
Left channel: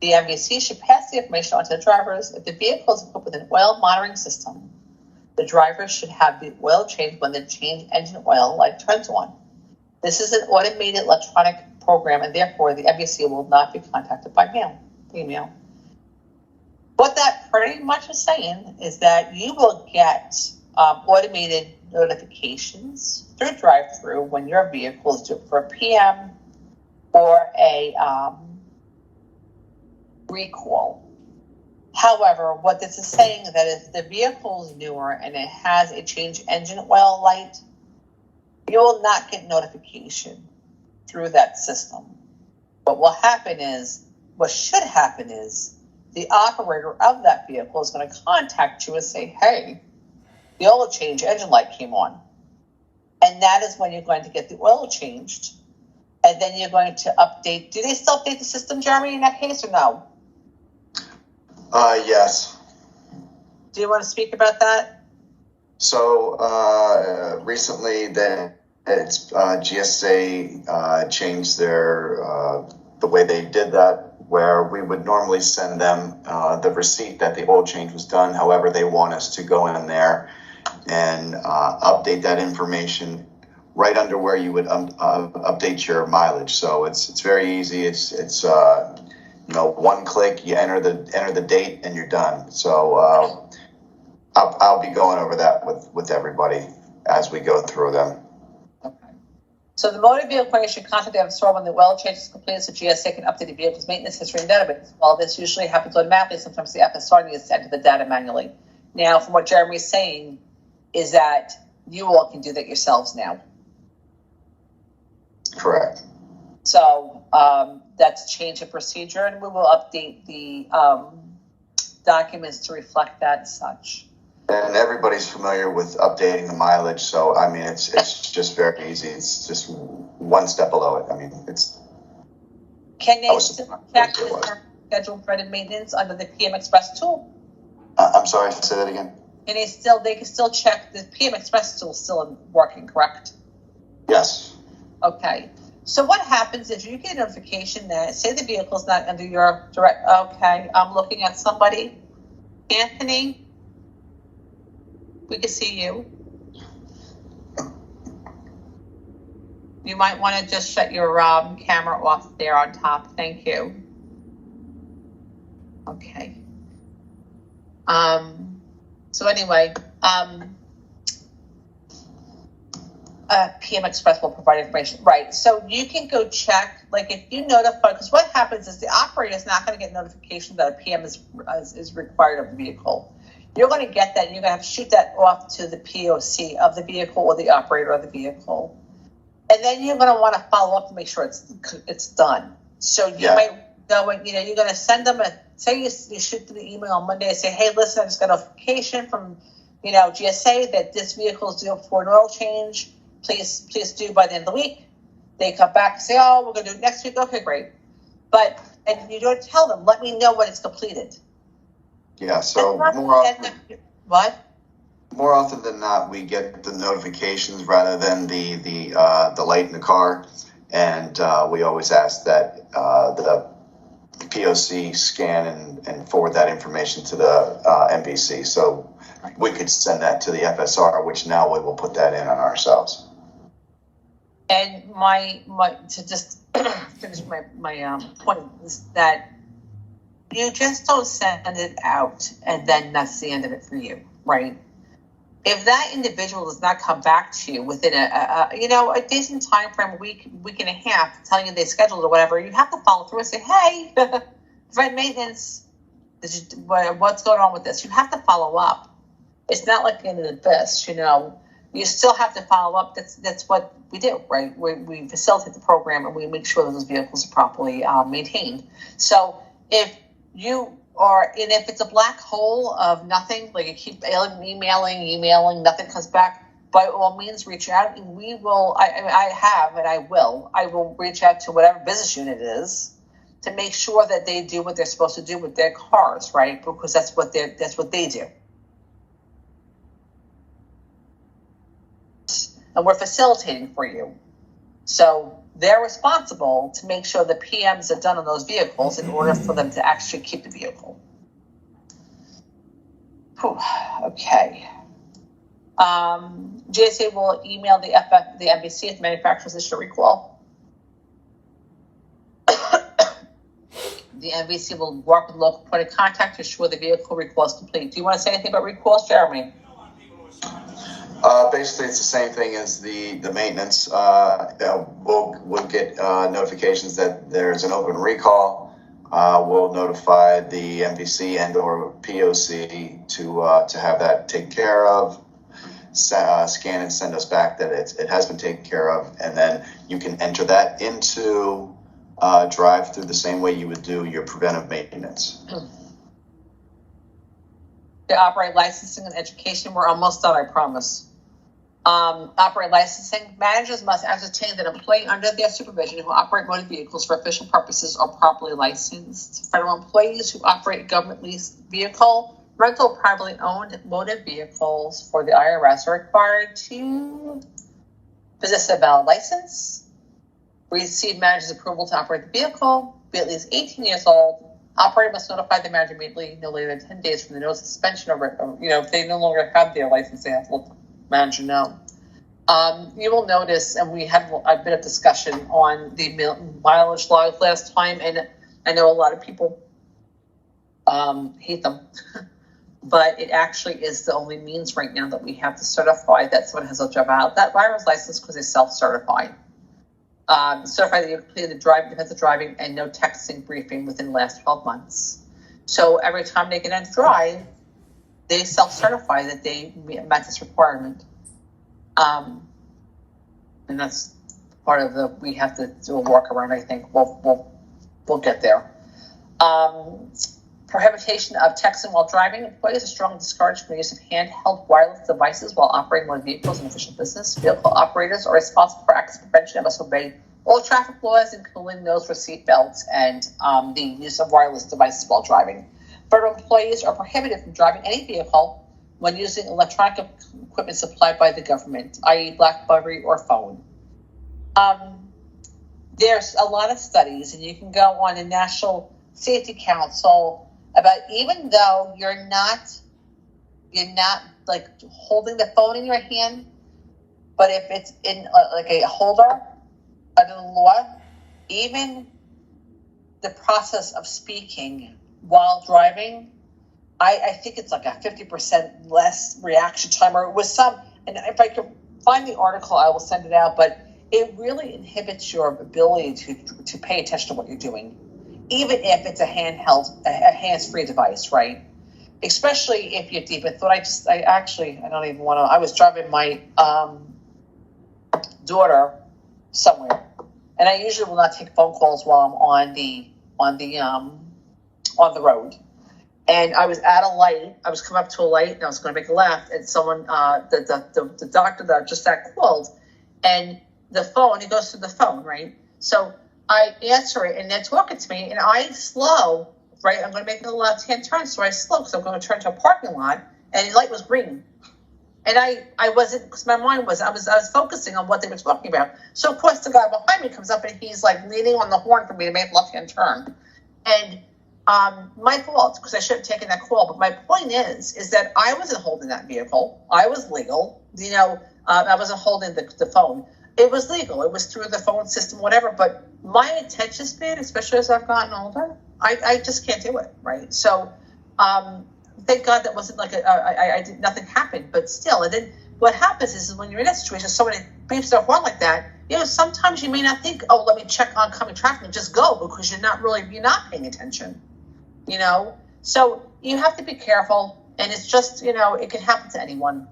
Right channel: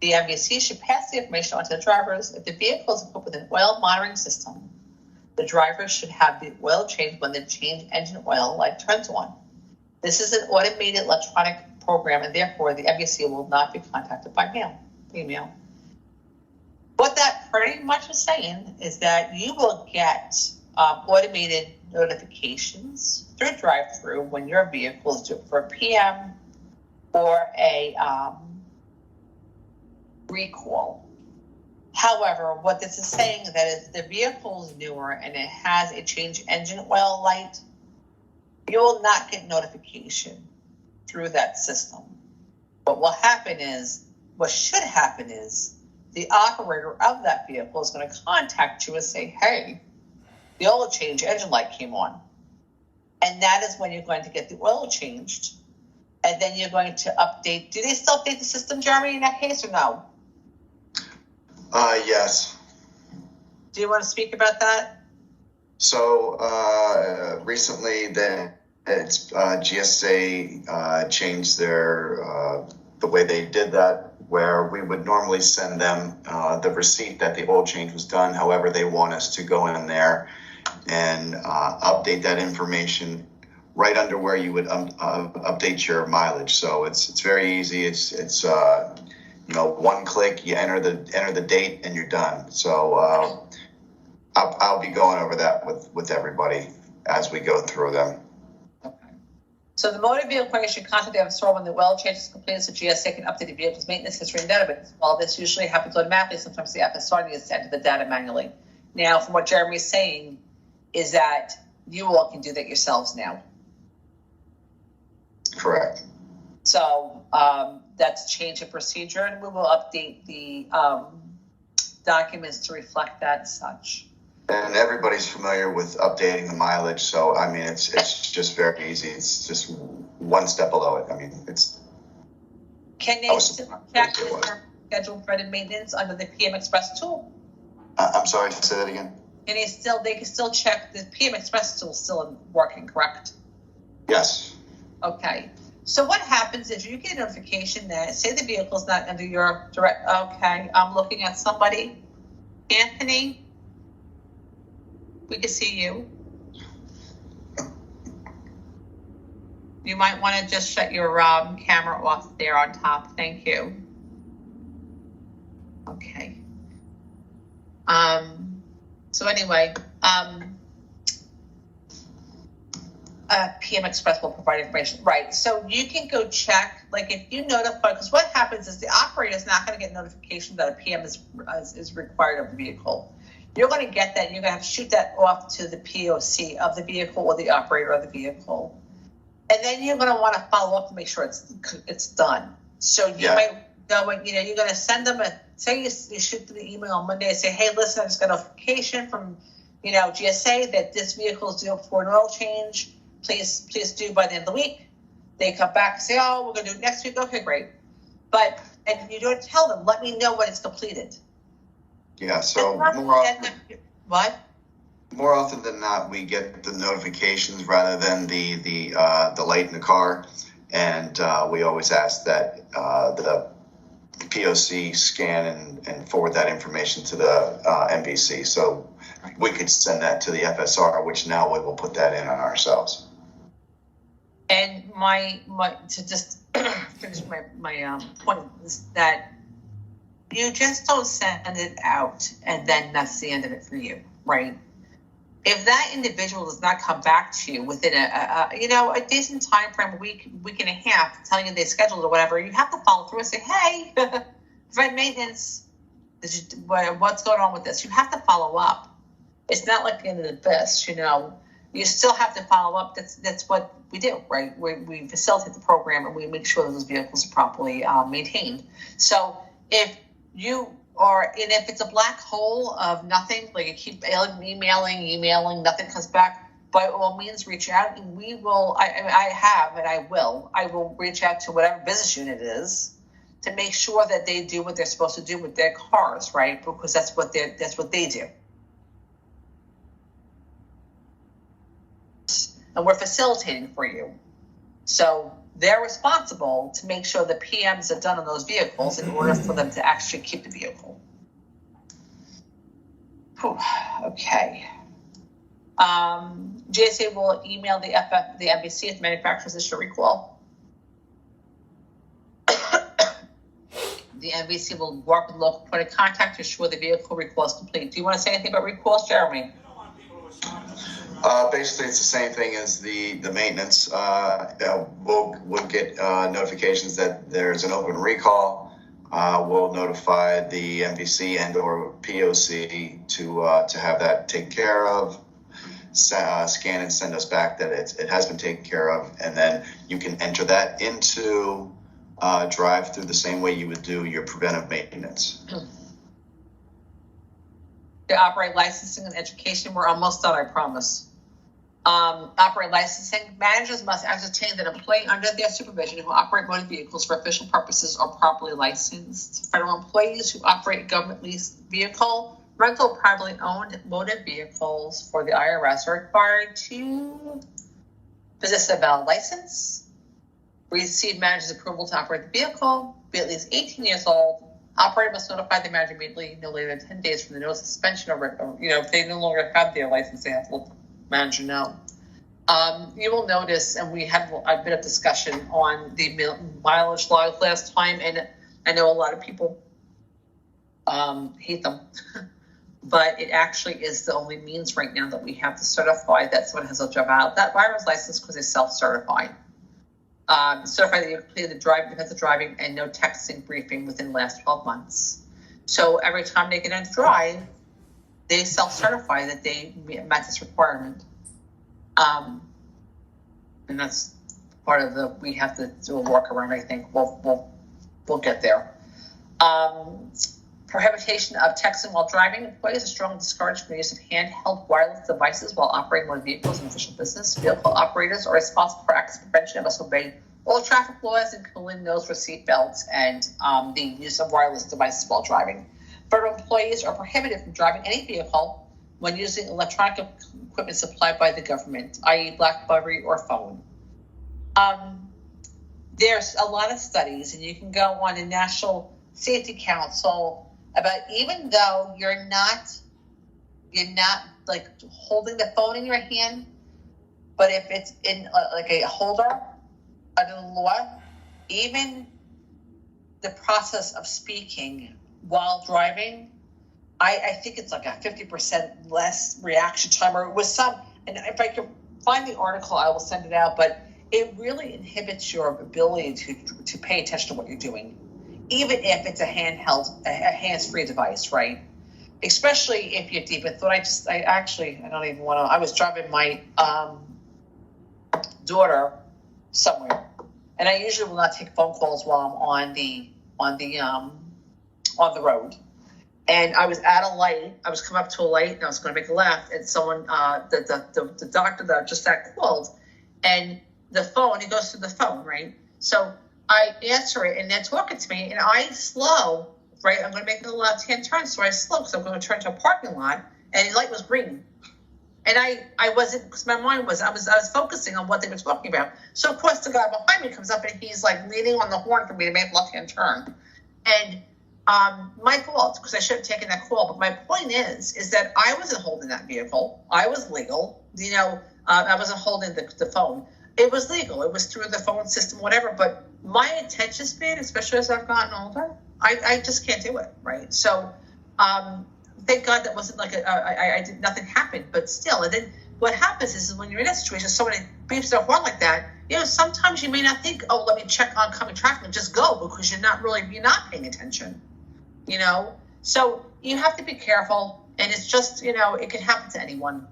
The MVC should pass the information on to the drivers. If the vehicle is equipped with an oil monitoring system, the driver should have the oil changed when the change engine oil light turns on. This is an automated electronic program, and therefore the MVC will not be contacted by email. What that pretty much is saying is that you will get automated notifications through drive-through when your vehicle is due for a PM or a recall. However, what this is saying is that if the vehicle is newer and it has a change engine oil light, you will not get notification through that system. What should happen is the operator of that vehicle is going to contact you and say, hey, the oil change engine light came on. And that is when you're going to get the oil changed. And then you're going to update. Do they still update the system, Jeremy, in that case, or no? Yes. Do you want to speak about that? So recently, GSA changed their the way they did that, where we would normally send them the receipt that the oil change was done. However, they want us to go in there and update that information right under where you would update your mileage. So it's very easy. It's one click, you enter the date, and you're done. So I'll be going over that with everybody as we go through them. Okay. So the motor vehicle company should contact the FSR when the oil change is completed, so GSA can update the vehicle's maintenance history and database. While this usually happens automatically, sometimes the FSR needs to enter the data manually. Now, from what Jeremy is saying, is that you all can do that yourselves now. Correct. So that's change of procedure, and we will update the documents to reflect that and such. And everybody's familiar with updating the mileage, so I mean it's just very easy. It's just one step below it. I mean it's. Can they still check the scheduled preventive maintenance under the PM Express tool? I'm sorry, say that again. And they can still check the PM Express tool still working, correct? Yes. Okay. So what happens is you get a notification that say the vehicle is not under your direct. Okay, I'm looking at somebody. Anthony, we can see you. You might want to just shut your camera off there on top. Thank you. Okay. So anyway, PM Express will provide information. Right. So you can go check, like if you notify, because what happens is the operator is not going to get notification that a PM is required of the vehicle. You're going to get that. And you're going to have to shoot that off to the POC of the vehicle or the operator of the vehicle. And then you're going to want to follow up to make sure it's done. So you might go and, you're going to send them say you shoot the email on Monday and say, hey, listen, I just got a notification from, GSA that this vehicle is due for an oil change. Please do by the end of the week. They come back and say, oh, we're going to do it next week. Okay, great. And you don't tell them, let me know when it's completed. Yeah, so what? More often than not, we get the notifications rather than the light in the car. And we always ask that the POC scan and forward that information to the MVC. So we could send that to the FSR, which now we will put that in on ourselves. And my to just finish my point is that you just don't send it out and then that's the end of it for you, right? If that individual does not come back to you within a decent time frame, week and a half, telling you they scheduled or whatever, you have to follow through and say, hey, provide maintenance. What's going on with this? You have to follow up. It's not like the end of the abyss, You still have to follow up. That's what we do, right? We facilitate the program and we make sure that those vehicles are properly maintained. So if you are, and if it's a black hole of nothing, like you keep emailing, nothing comes back, by all means reach out and we will, I will reach out to whatever business unit it is to make sure that they do what they're supposed to do with their cars, right? Because that's what they do. And we're facilitating for you. So they're responsible to make sure the PMs are done on those vehicles in order for them to actually keep the vehicle. Whew, okay. GSA will email the NBC if manufacturers issue a recall. The NBC will work with local point of contact to ensure the vehicle recall is complete. Do you want to say anything about recalls, Jeremy? Basically, it's the same thing as the maintenance. We'll get notifications that there's an open recall. We'll notify the NBC and or POC to have that taken care of. Scan and send us back that it has been taken care of, and then you can enter that into drive through the same way you would do your preventive maintenance. The operate licensing and education, we're almost done, I promise. Operate licensing, managers must ascertain that employee under their supervision who operate motor vehicles for official purposes are properly licensed. Federal employees who operate government leased vehicle, rental, privately owned motor vehicles for the IRS are required to possess a valid license, receive manager's approval to operate the vehicle, be at least 18 years old. Operator must notify the manager immediately, no later than 10 days from the notice of suspension, or if they no longer have their license, they have to let the manager know. You will notice, and we had a bit of discussion on the mileage laws last time, and I know a lot of people hate them, but it actually is the only means right now that we have to certify that someone has a driver's license because they self-certify. Certify that you completed the defensive driving and no texting briefing within the last 12 months. So every time they get on drive, they self-certify that they met this requirement. And that's part of we have to do a workaround, I think. We'll get there. Prohibition of texting while driving. Employees are strongly discouraged from the use of handheld wireless devices while operating motor vehicles in official business. Vehicle operators are responsible for accident prevention and must obey all traffic laws, including those for seat belts and the use of wireless devices while driving. Federal employees are prohibited from driving any vehicle when using electronic equipment supplied by the government, i.e. BlackBerry or phone. There's a lot of studies, and you can go on the National Safety Council about, even though you're not like holding the phone in your hand, but if it's in like a holder under the law, even the process of speaking while driving, I think it's like a 50% less reaction time, or it was some, and if I can find the article, I will send it out, but it really inhibits your ability to pay attention to what you're doing, even if it's a hands-free device, right? Especially if you're deep in thought. I was driving my daughter somewhere, and I usually will not take phone calls while I'm on the road. And I was at a light. I was coming up to a light, and I was going to make a left, and someone, the doctor that just got called, and the phone, it goes to the phone, right? So I answer it, and they're talking to me, and I slow, right? I'm going to make a left-hand turn, so I slow because I'm going to turn to a parking lot, and the light was green. And I wasn't, because my mind was, I was focusing on what they were talking about. So, of course, the guy behind me comes up, and he's, like, leaning on the horn for me to make a left-hand turn. And my fault, because I should have taken that call. But my point is that I wasn't holding that vehicle. I was legal. I wasn't holding the phone. it was legal. It was through the phone system, whatever. But my attention span, especially as I've gotten older, I just can't do it, right? So, thank God that wasn't like I did, nothing happened, but still. And then what happens is when you're in that situation, somebody beeps their horn like that, sometimes you may not think, oh, let me check oncoming traffic and just go, because you're not paying attention, So you have to be careful, and it's just, it can happen to anyone,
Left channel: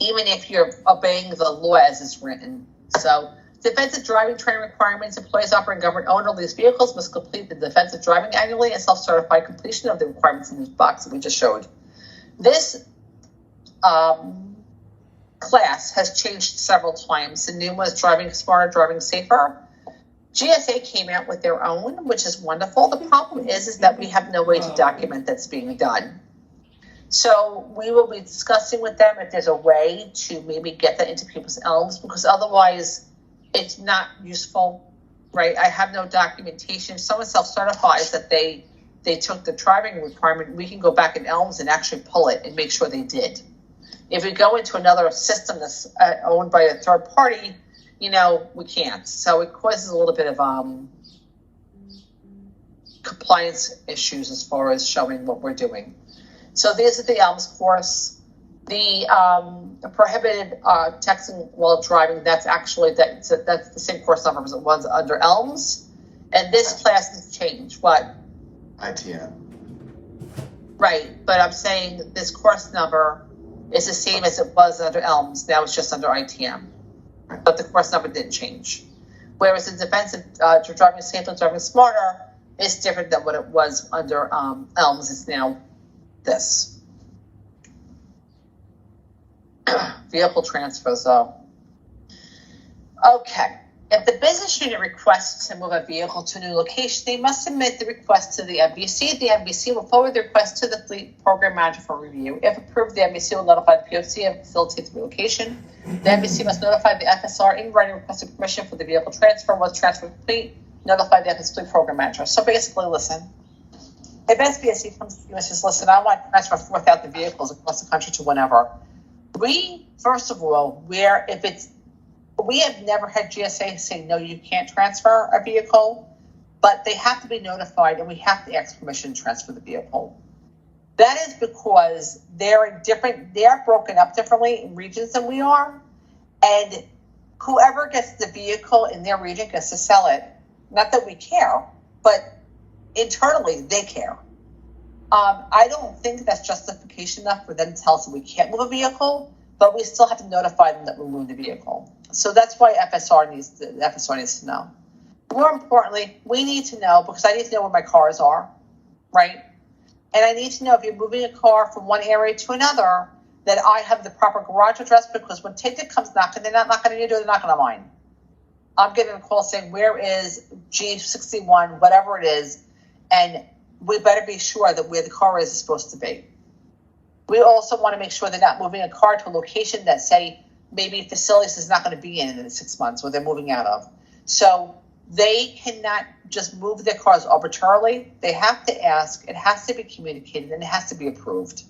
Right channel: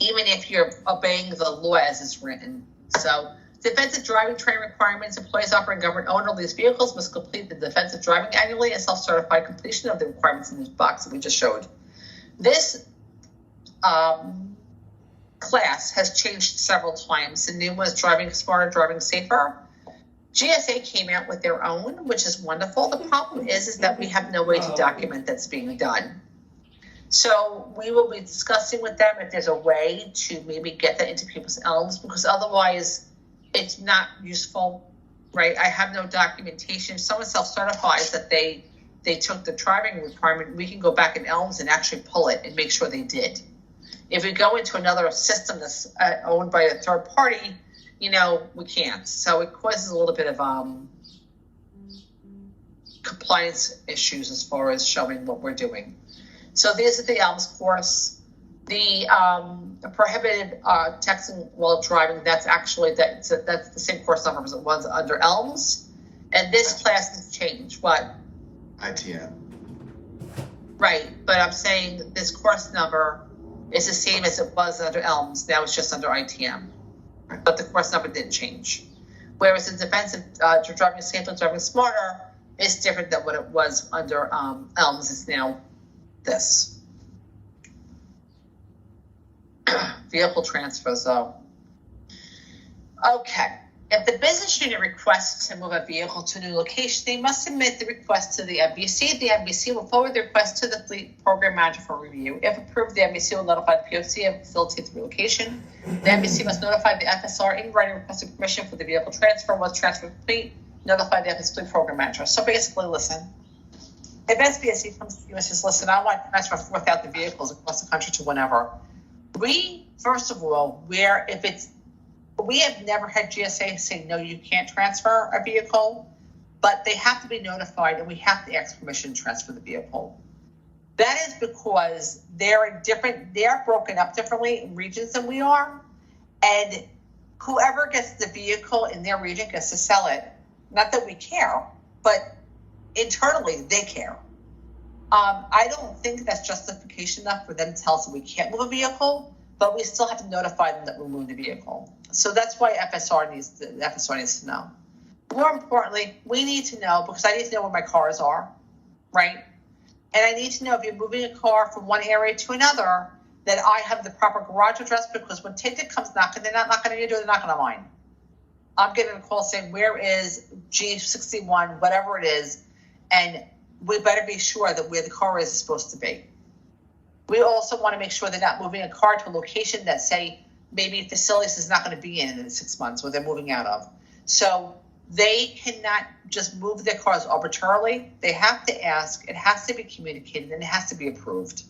even if you're obeying the law as it's written. So defensive driving training requirements: employees operating government-owned or leased vehicles must complete the defensive driving annually and self-certified completion of the requirements in this box that we just showed. This class has changed several times. The new one is driving smarter, driving safer. GSA came out with their own, which is wonderful. The problem is that we have no way to document that's being done. So we will be discussing with them if there's a way to maybe get that into people's elms, because otherwise it's not useful, right? I have no documentation. If someone self-certifies that they took the driving requirement, we can go back in elms and actually pull it and make sure they did. If we go into another system that's owned by a third party, we can't. So it causes a little bit of compliance issues as far as showing what we're doing. So this is the ELMS course. The prohibited texting while driving, that's the same course number as it was under ELMS. And this class has changed. What? ITM. Right, but I'm saying this course number is the same as it was under ELMS. Now it's just under ITM. But the course number didn't change. Whereas the defensive driving safer, driving smarter is different than what it was under ELMS. It's now this. Vehicle transfers, though. Okay. If the business unit requests to move a vehicle to a new location, they must submit the request to the MBC. The MBC will forward the request to the fleet program manager for review. If approved, the MBC will notify the POC and facilitate the relocation. The MBC must notify the FSR in writing requesting permission for the vehicle transfer. Once transfer complete, notify the FSP program manager. So basically, listen, if SBSC comes to you and says, listen, I want to transfer 4,000 vehicles across the country to whenever, first of all, we have never had GSA say, no, you can't transfer a vehicle, but they have to be notified and we have to ask permission to transfer the vehicle. That is because they're broken up differently in regions than we are. And whoever gets the vehicle in their region gets to sell it. Not that we care, but internally they care. I don't think that's justification enough for them to tell us that we can't move a vehicle, but we still have to notify them that we move the vehicle. So that's why FSR needs to know. More importantly, we need to know, because I need to know where my cars are, right? And I need to know if you're moving a car from one area to another, that I have the proper garage address, because when Ticket comes knocking, they're not knocking on your door, they're knocking on mine. I'm getting a call saying, where is G61, whatever it is, and we better be sure that where the car is supposed to be. We also want to make sure they're not moving a car to a location that, say, maybe facilities is not going to be in 6 months, or they're moving out of. So they cannot just move their cars arbitrarily. They have to ask, it has to be communicated, and it has to be approved.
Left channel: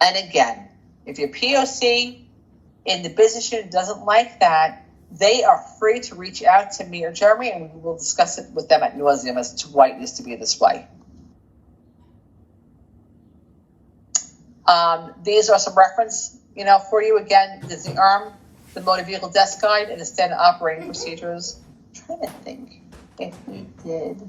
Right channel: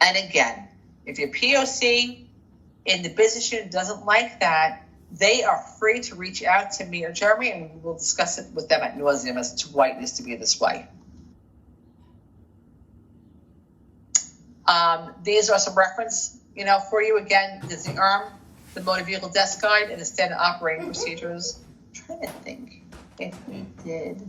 And again, if your POC in the business unit doesn't like that, they are free to reach out to me or Jeremy, and we will discuss it with them at nauseam as to why it needs to be this way. These are some reference, for you. Again, there's the ARM, the motor vehicle desk guide, and the standard operating procedures. I'm trying to think if we did.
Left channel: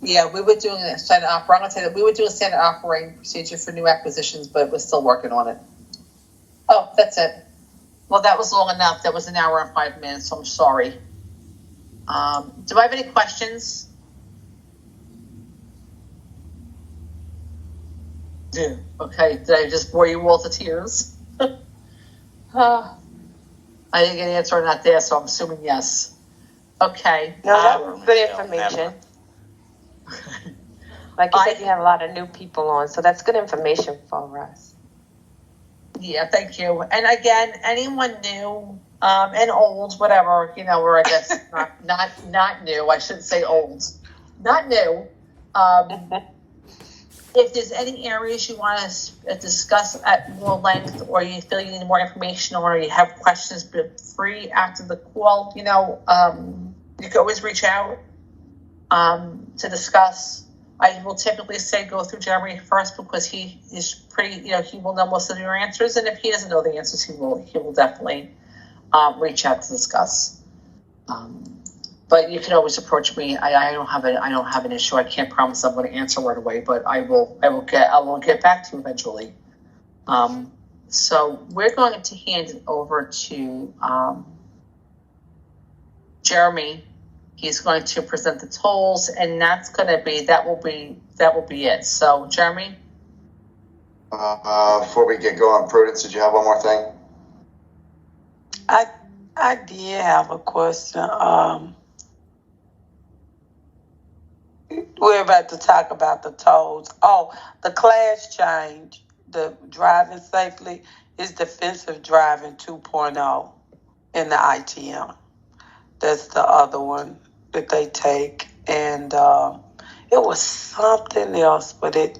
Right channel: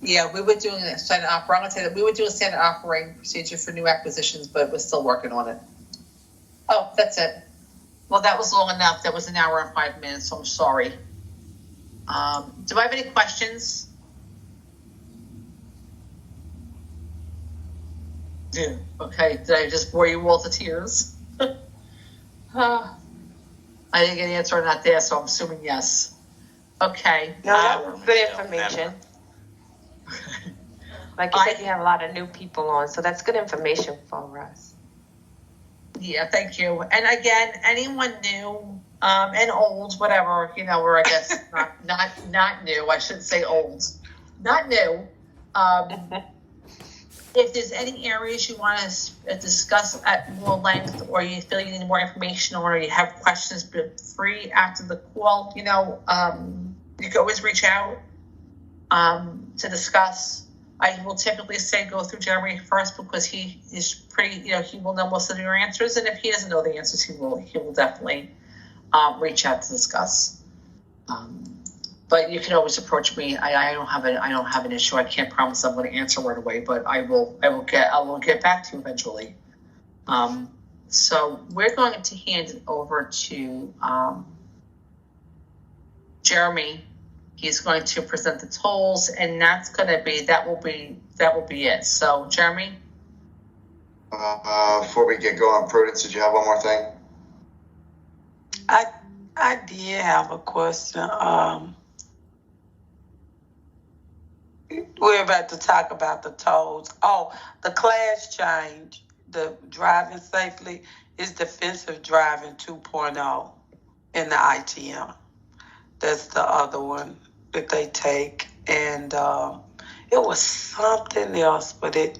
Yeah, we were doing a standard operating. I'm going to say that we would do a standard operating procedure for new acquisitions, but we're still working on it. Oh, that's it. Well, that was long enough. That was an hour and 5 minutes, so I'm sorry. Do I have any questions? Yeah. Okay, did I just bore you all to tears? I didn't get an answer not there, so I'm assuming yes. Okay. No, that was good information. Like you said, you have a lot of new people on, so that's good information for us. Yeah, thank you. And again, anyone new and old, whatever, or I guess not new. I shouldn't say old, not new. If there's any areas you want to discuss at more length, or you feel you need more information, or you have questions, be free after the call. You can always reach out to discuss. I will typically say go through Jeremy first because he is pretty. He will know most of your answers, and if he doesn't know the answers, he will definitely reach out to discuss. But you can always approach me. I don't have an issue. I can't promise I'm going to answer right away, but I will get back to you eventually. So we're going to hand it over to Jeremy. He's going to present the tolls, and that will be it. So Jeremy. Before we get going, Prudence, did you have one more thing? I did have a question. We're about to talk about the tolls. Oh, the class change, the driving safely, is defensive driving 2.0 in the ITM. That's the other one that they take. And it was something else, but it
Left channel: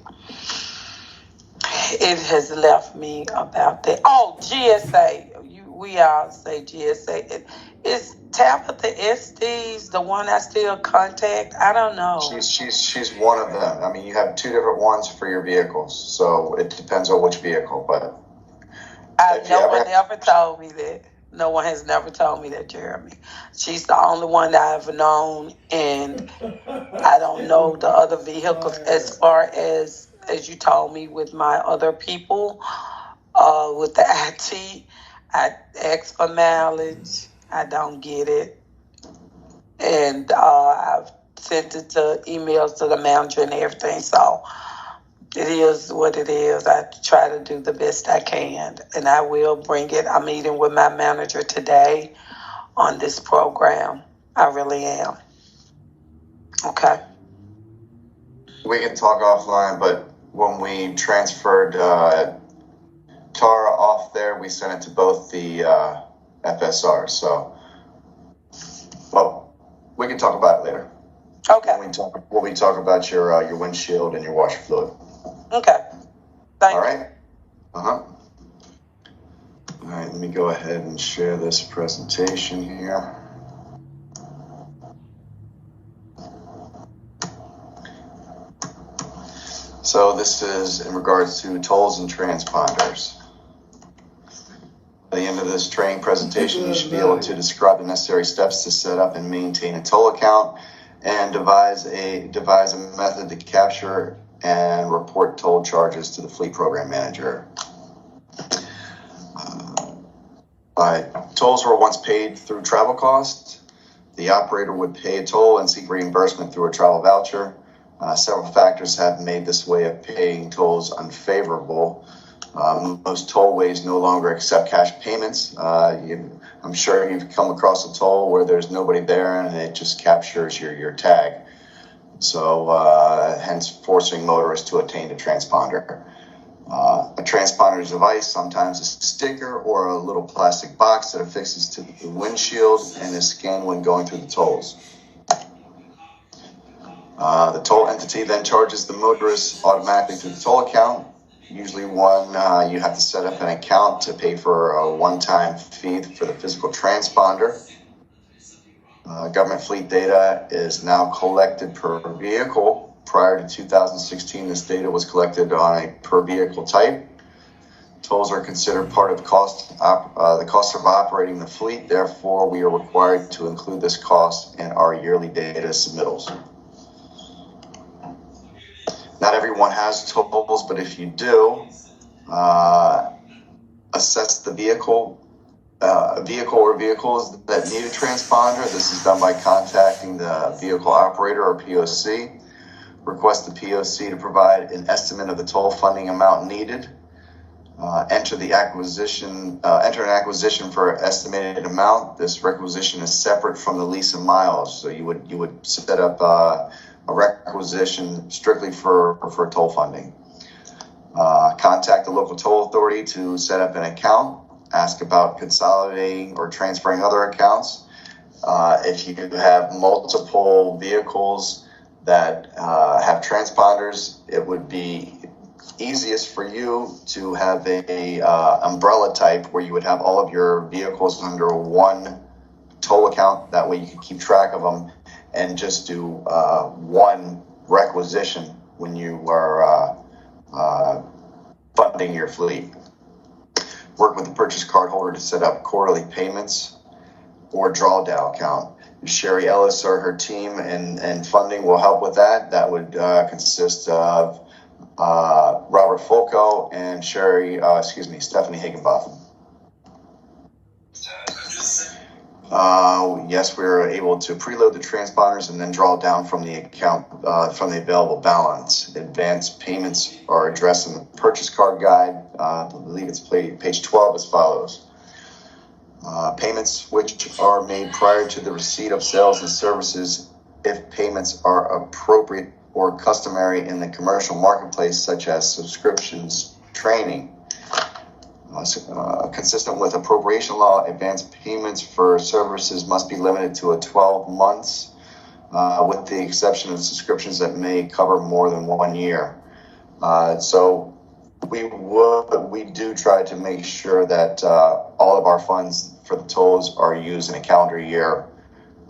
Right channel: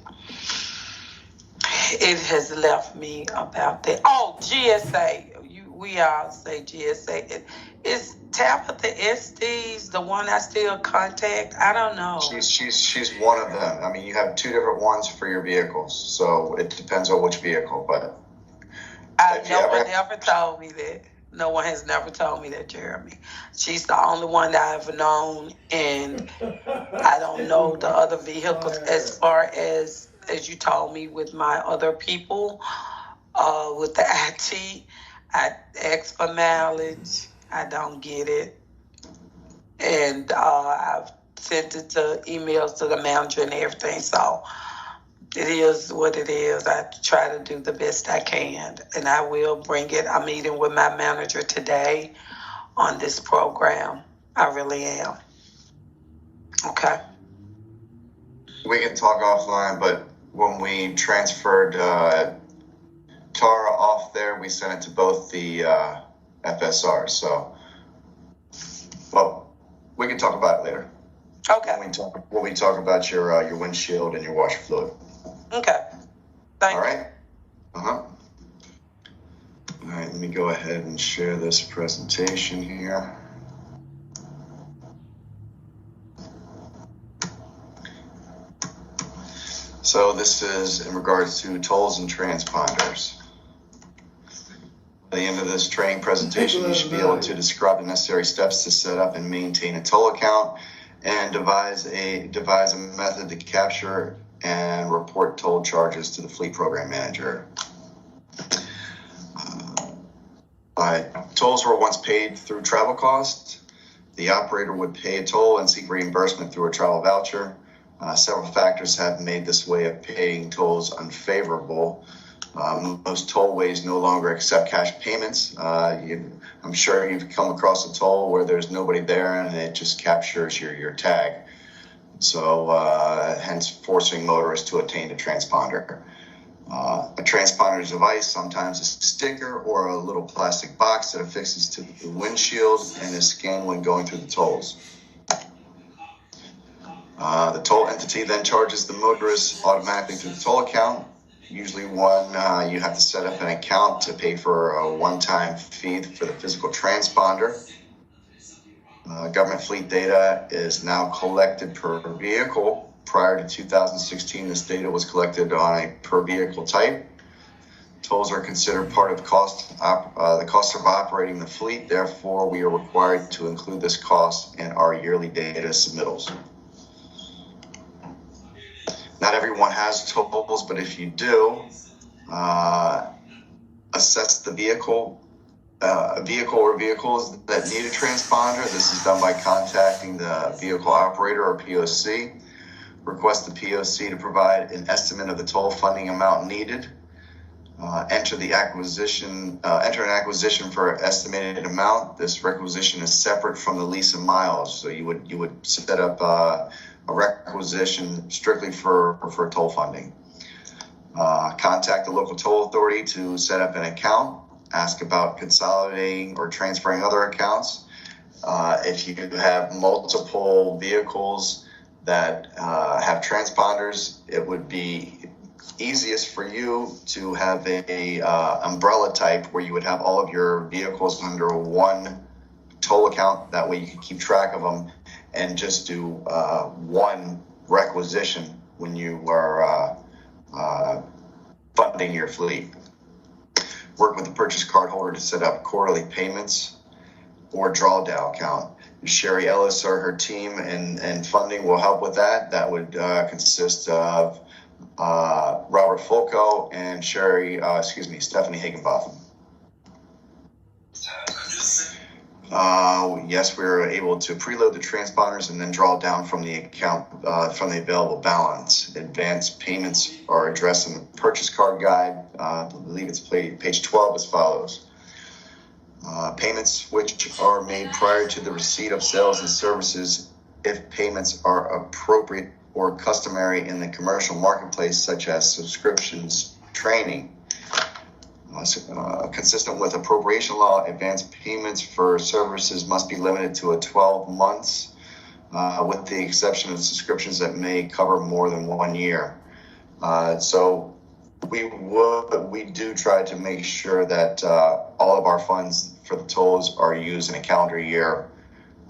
has left me about that. Oh, GSA. We all say GSA. Is Tabitha Estes the one I still contact? I don't know. She's one of them. I mean, you have two different ones for your vehicles, so it depends on which vehicle. But no one ever told me that. No one has never told me that, Jeremy. She's the only one that I've known, and I don't know the other vehicles as far as you told me with my other people. With the IT, I ask for mileage. I don't get it. And I've sent it to emails to the manager and everything. So it is what it is. I try to do the best I can. And I will bring it. I'm meeting with my manager today on this program. I really am. Okay. We can talk offline, but when we transferred Tara off there, we sent it to both the FSR. So, well, we can talk about it later. Okay. When we talk about your windshield and your washer fluid. Okay. Thank you. All right. All right. Let me go ahead and share this presentation here. So this is in regards to tolls and transponders. At the end of this training presentation, you should be able to describe the necessary steps to set up and maintain a toll account and devise a method to capture and report toll charges to the fleet program manager. Tolls were once paid through travel costs. The operator would pay a toll and seek reimbursement through a travel voucher. Several factors have made this way of paying tolls unfavorable. Most tollways no longer accept cash payments. I'm sure you've come across a toll where there's nobody there and it just captures your tag. So hence forcing motorists to obtain a transponder. A transponder's device, sometimes a sticker or a little plastic box that affixes to the windshield and is scanned when going through the tolls. The toll entity then charges the motorist automatically through the toll account. Usually you have to set up an account to pay for a one-time fee for the physical transponder. Government fleet data is now collected per vehicle. Prior to 2016, this data was collected on a per vehicle type. Tolls are considered part of the cost of operating the fleet. Therefore, we are required to include this cost in our yearly data submittals. Not everyone has tolls, but if you do, assess the vehicle or vehicles that need a transponder. This is done by contacting the vehicle operator or POC. Request the POC to provide an estimate of the toll funding amount needed. Enter an acquisition for an estimated amount. This requisition is separate from the lease and miles. So you would set up a requisition strictly for toll funding. Contact the local toll authority to set up an account. Ask about consolidating or transferring other accounts. If you have multiple vehicles that have transponders, it would be easiest for you to have a umbrella type where you would have all of your vehicles under one toll account. That way you can keep track of them and just do one requisition when you are funding your fleet. Work with the purchase card holder to set up quarterly payments or drawdown account. Sherry Ellis or her team and funding will help with that. That would consist of Robert Fulco and Stephanie Higginbotham. Yes, we were able to preload the transponders and then draw down from the account from the available balance. Advanced payments are addressed in the purchase card guide. I believe it's page 12 as follows. Payments which are made prior to the receipt of sales and services, if payments are appropriate or customary in the commercial marketplace, such as subscriptions, training. Consistent with appropriation law, advance payments for services must be limited to 12 months, with the exception of subscriptions that may cover more than 1 year. So we do try to make sure that all of our funds for the tolls are used in a calendar year.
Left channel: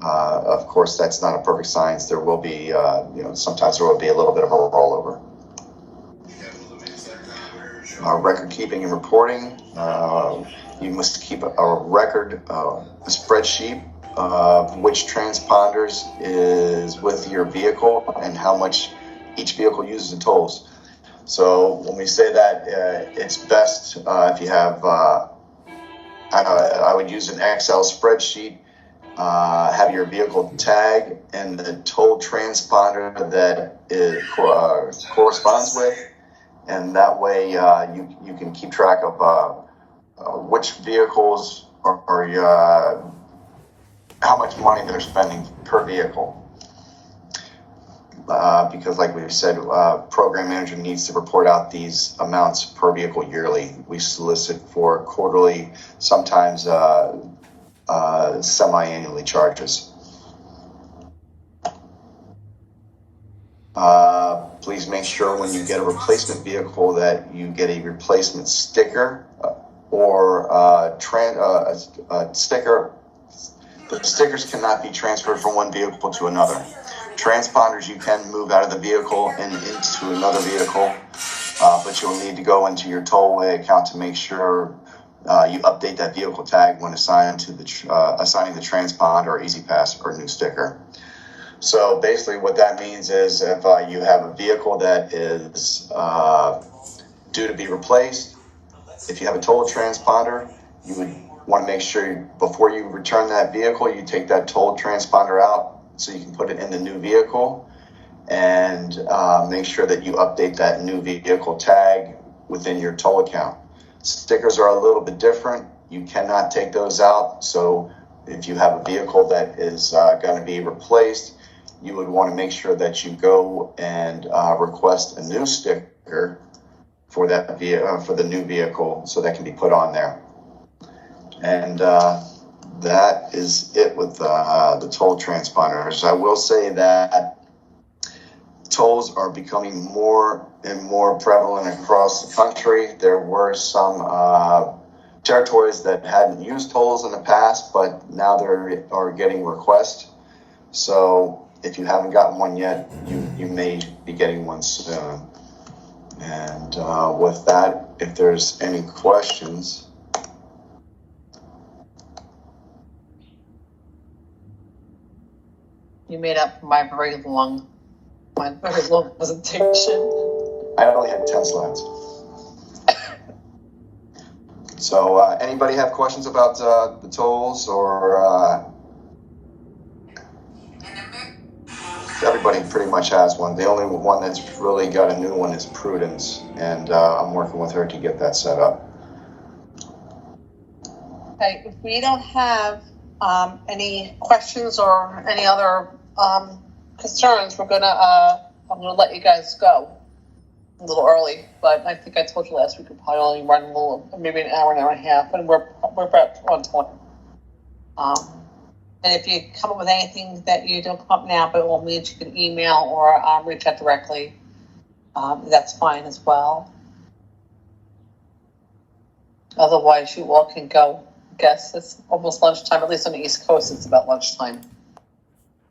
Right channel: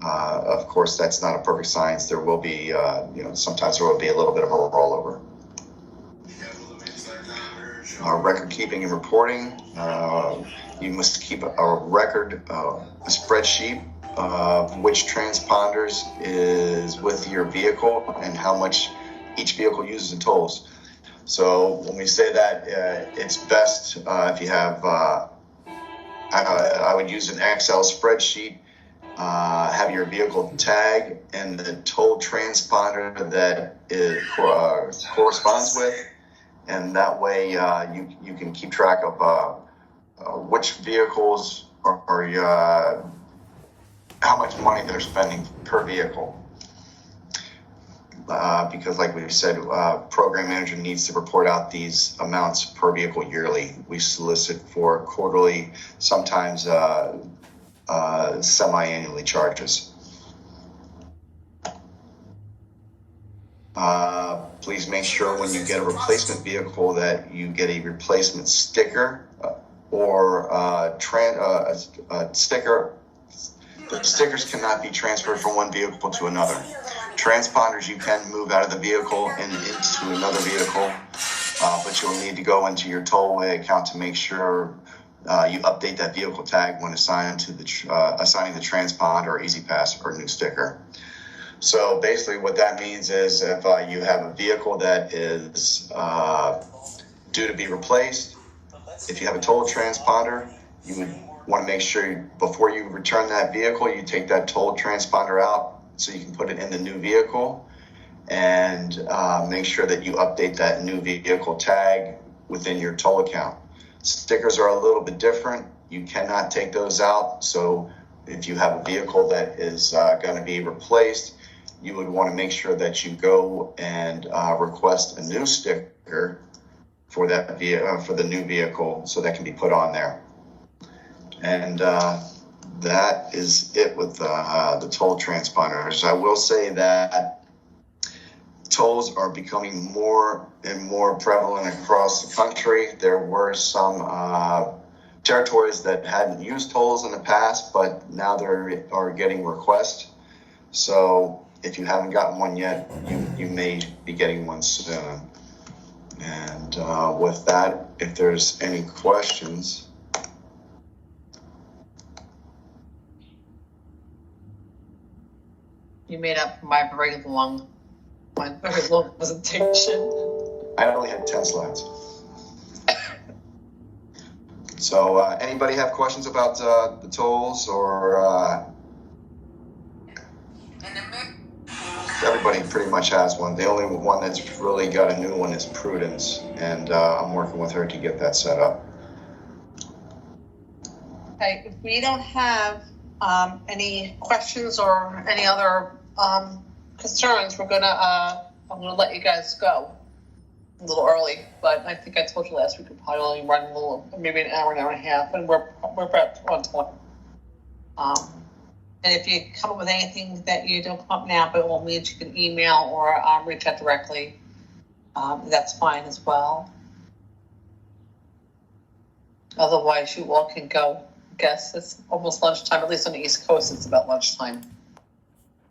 Of course, that's not a perfect science. There will be, sometimes there will be a little bit of a rollover. Record keeping and reporting. You must keep a record, a spreadsheet of which transponders is with your vehicle and how much each vehicle uses in tolls. So when we say that, it's best if you have, I would use an Excel spreadsheet, have your vehicle tag and the toll transponder that it corresponds with. And that way you can keep track of which vehicles are how much money they're spending per vehicle. Because like we said, program manager needs to report out these amounts per vehicle yearly. We solicit for quarterly, sometimes semi-annually charges. Please make sure when you get a replacement vehicle that you get a replacement sticker or a sticker. The stickers cannot be transferred from one vehicle to another. Transponders you can move out of the vehicle and into another vehicle, but you'll need to go into your tollway account to make sure you update that vehicle tag when assigning the transponder or EasyPass or new sticker. So basically what that means is if you have a vehicle that is due to be replaced, if you have a toll transponder, you would want to make sure before you return that vehicle, you take that toll transponder out so you can put it in the new vehicle and make sure that you update that new vehicle tag within your toll account. Stickers are a little bit different. You cannot take those out. So if you have a vehicle that is going to be replaced, you would want to make sure that you go and request a new sticker for that for the new vehicle, so that can be put on there. And that is it with the toll transponders. I will say that tolls are becoming more and more prevalent across the country. There were some territories that hadn't used tolls in the past, but now they are getting requests. So if you haven't gotten one yet, you may be getting one soon. And with that, if there's any questions. You made up my very long presentation. I only had 10 slides. So anybody have questions about the tolls or everybody pretty much has one. The only one that's really got a new one is Prudence, and I'm working with her to get that set up. Okay, if we don't have any questions or any other concerns, I'm gonna let you guys go a little early. But I think I told you last week we probably only run a little, maybe an hour and a half, and we're about on time. And if you come up with anything that you don't come up now, but it will mean you can email or reach out directly, that's fine as well. Otherwise, you all can go. I guess it's almost lunchtime, at least on the East Coast, it's about lunchtime.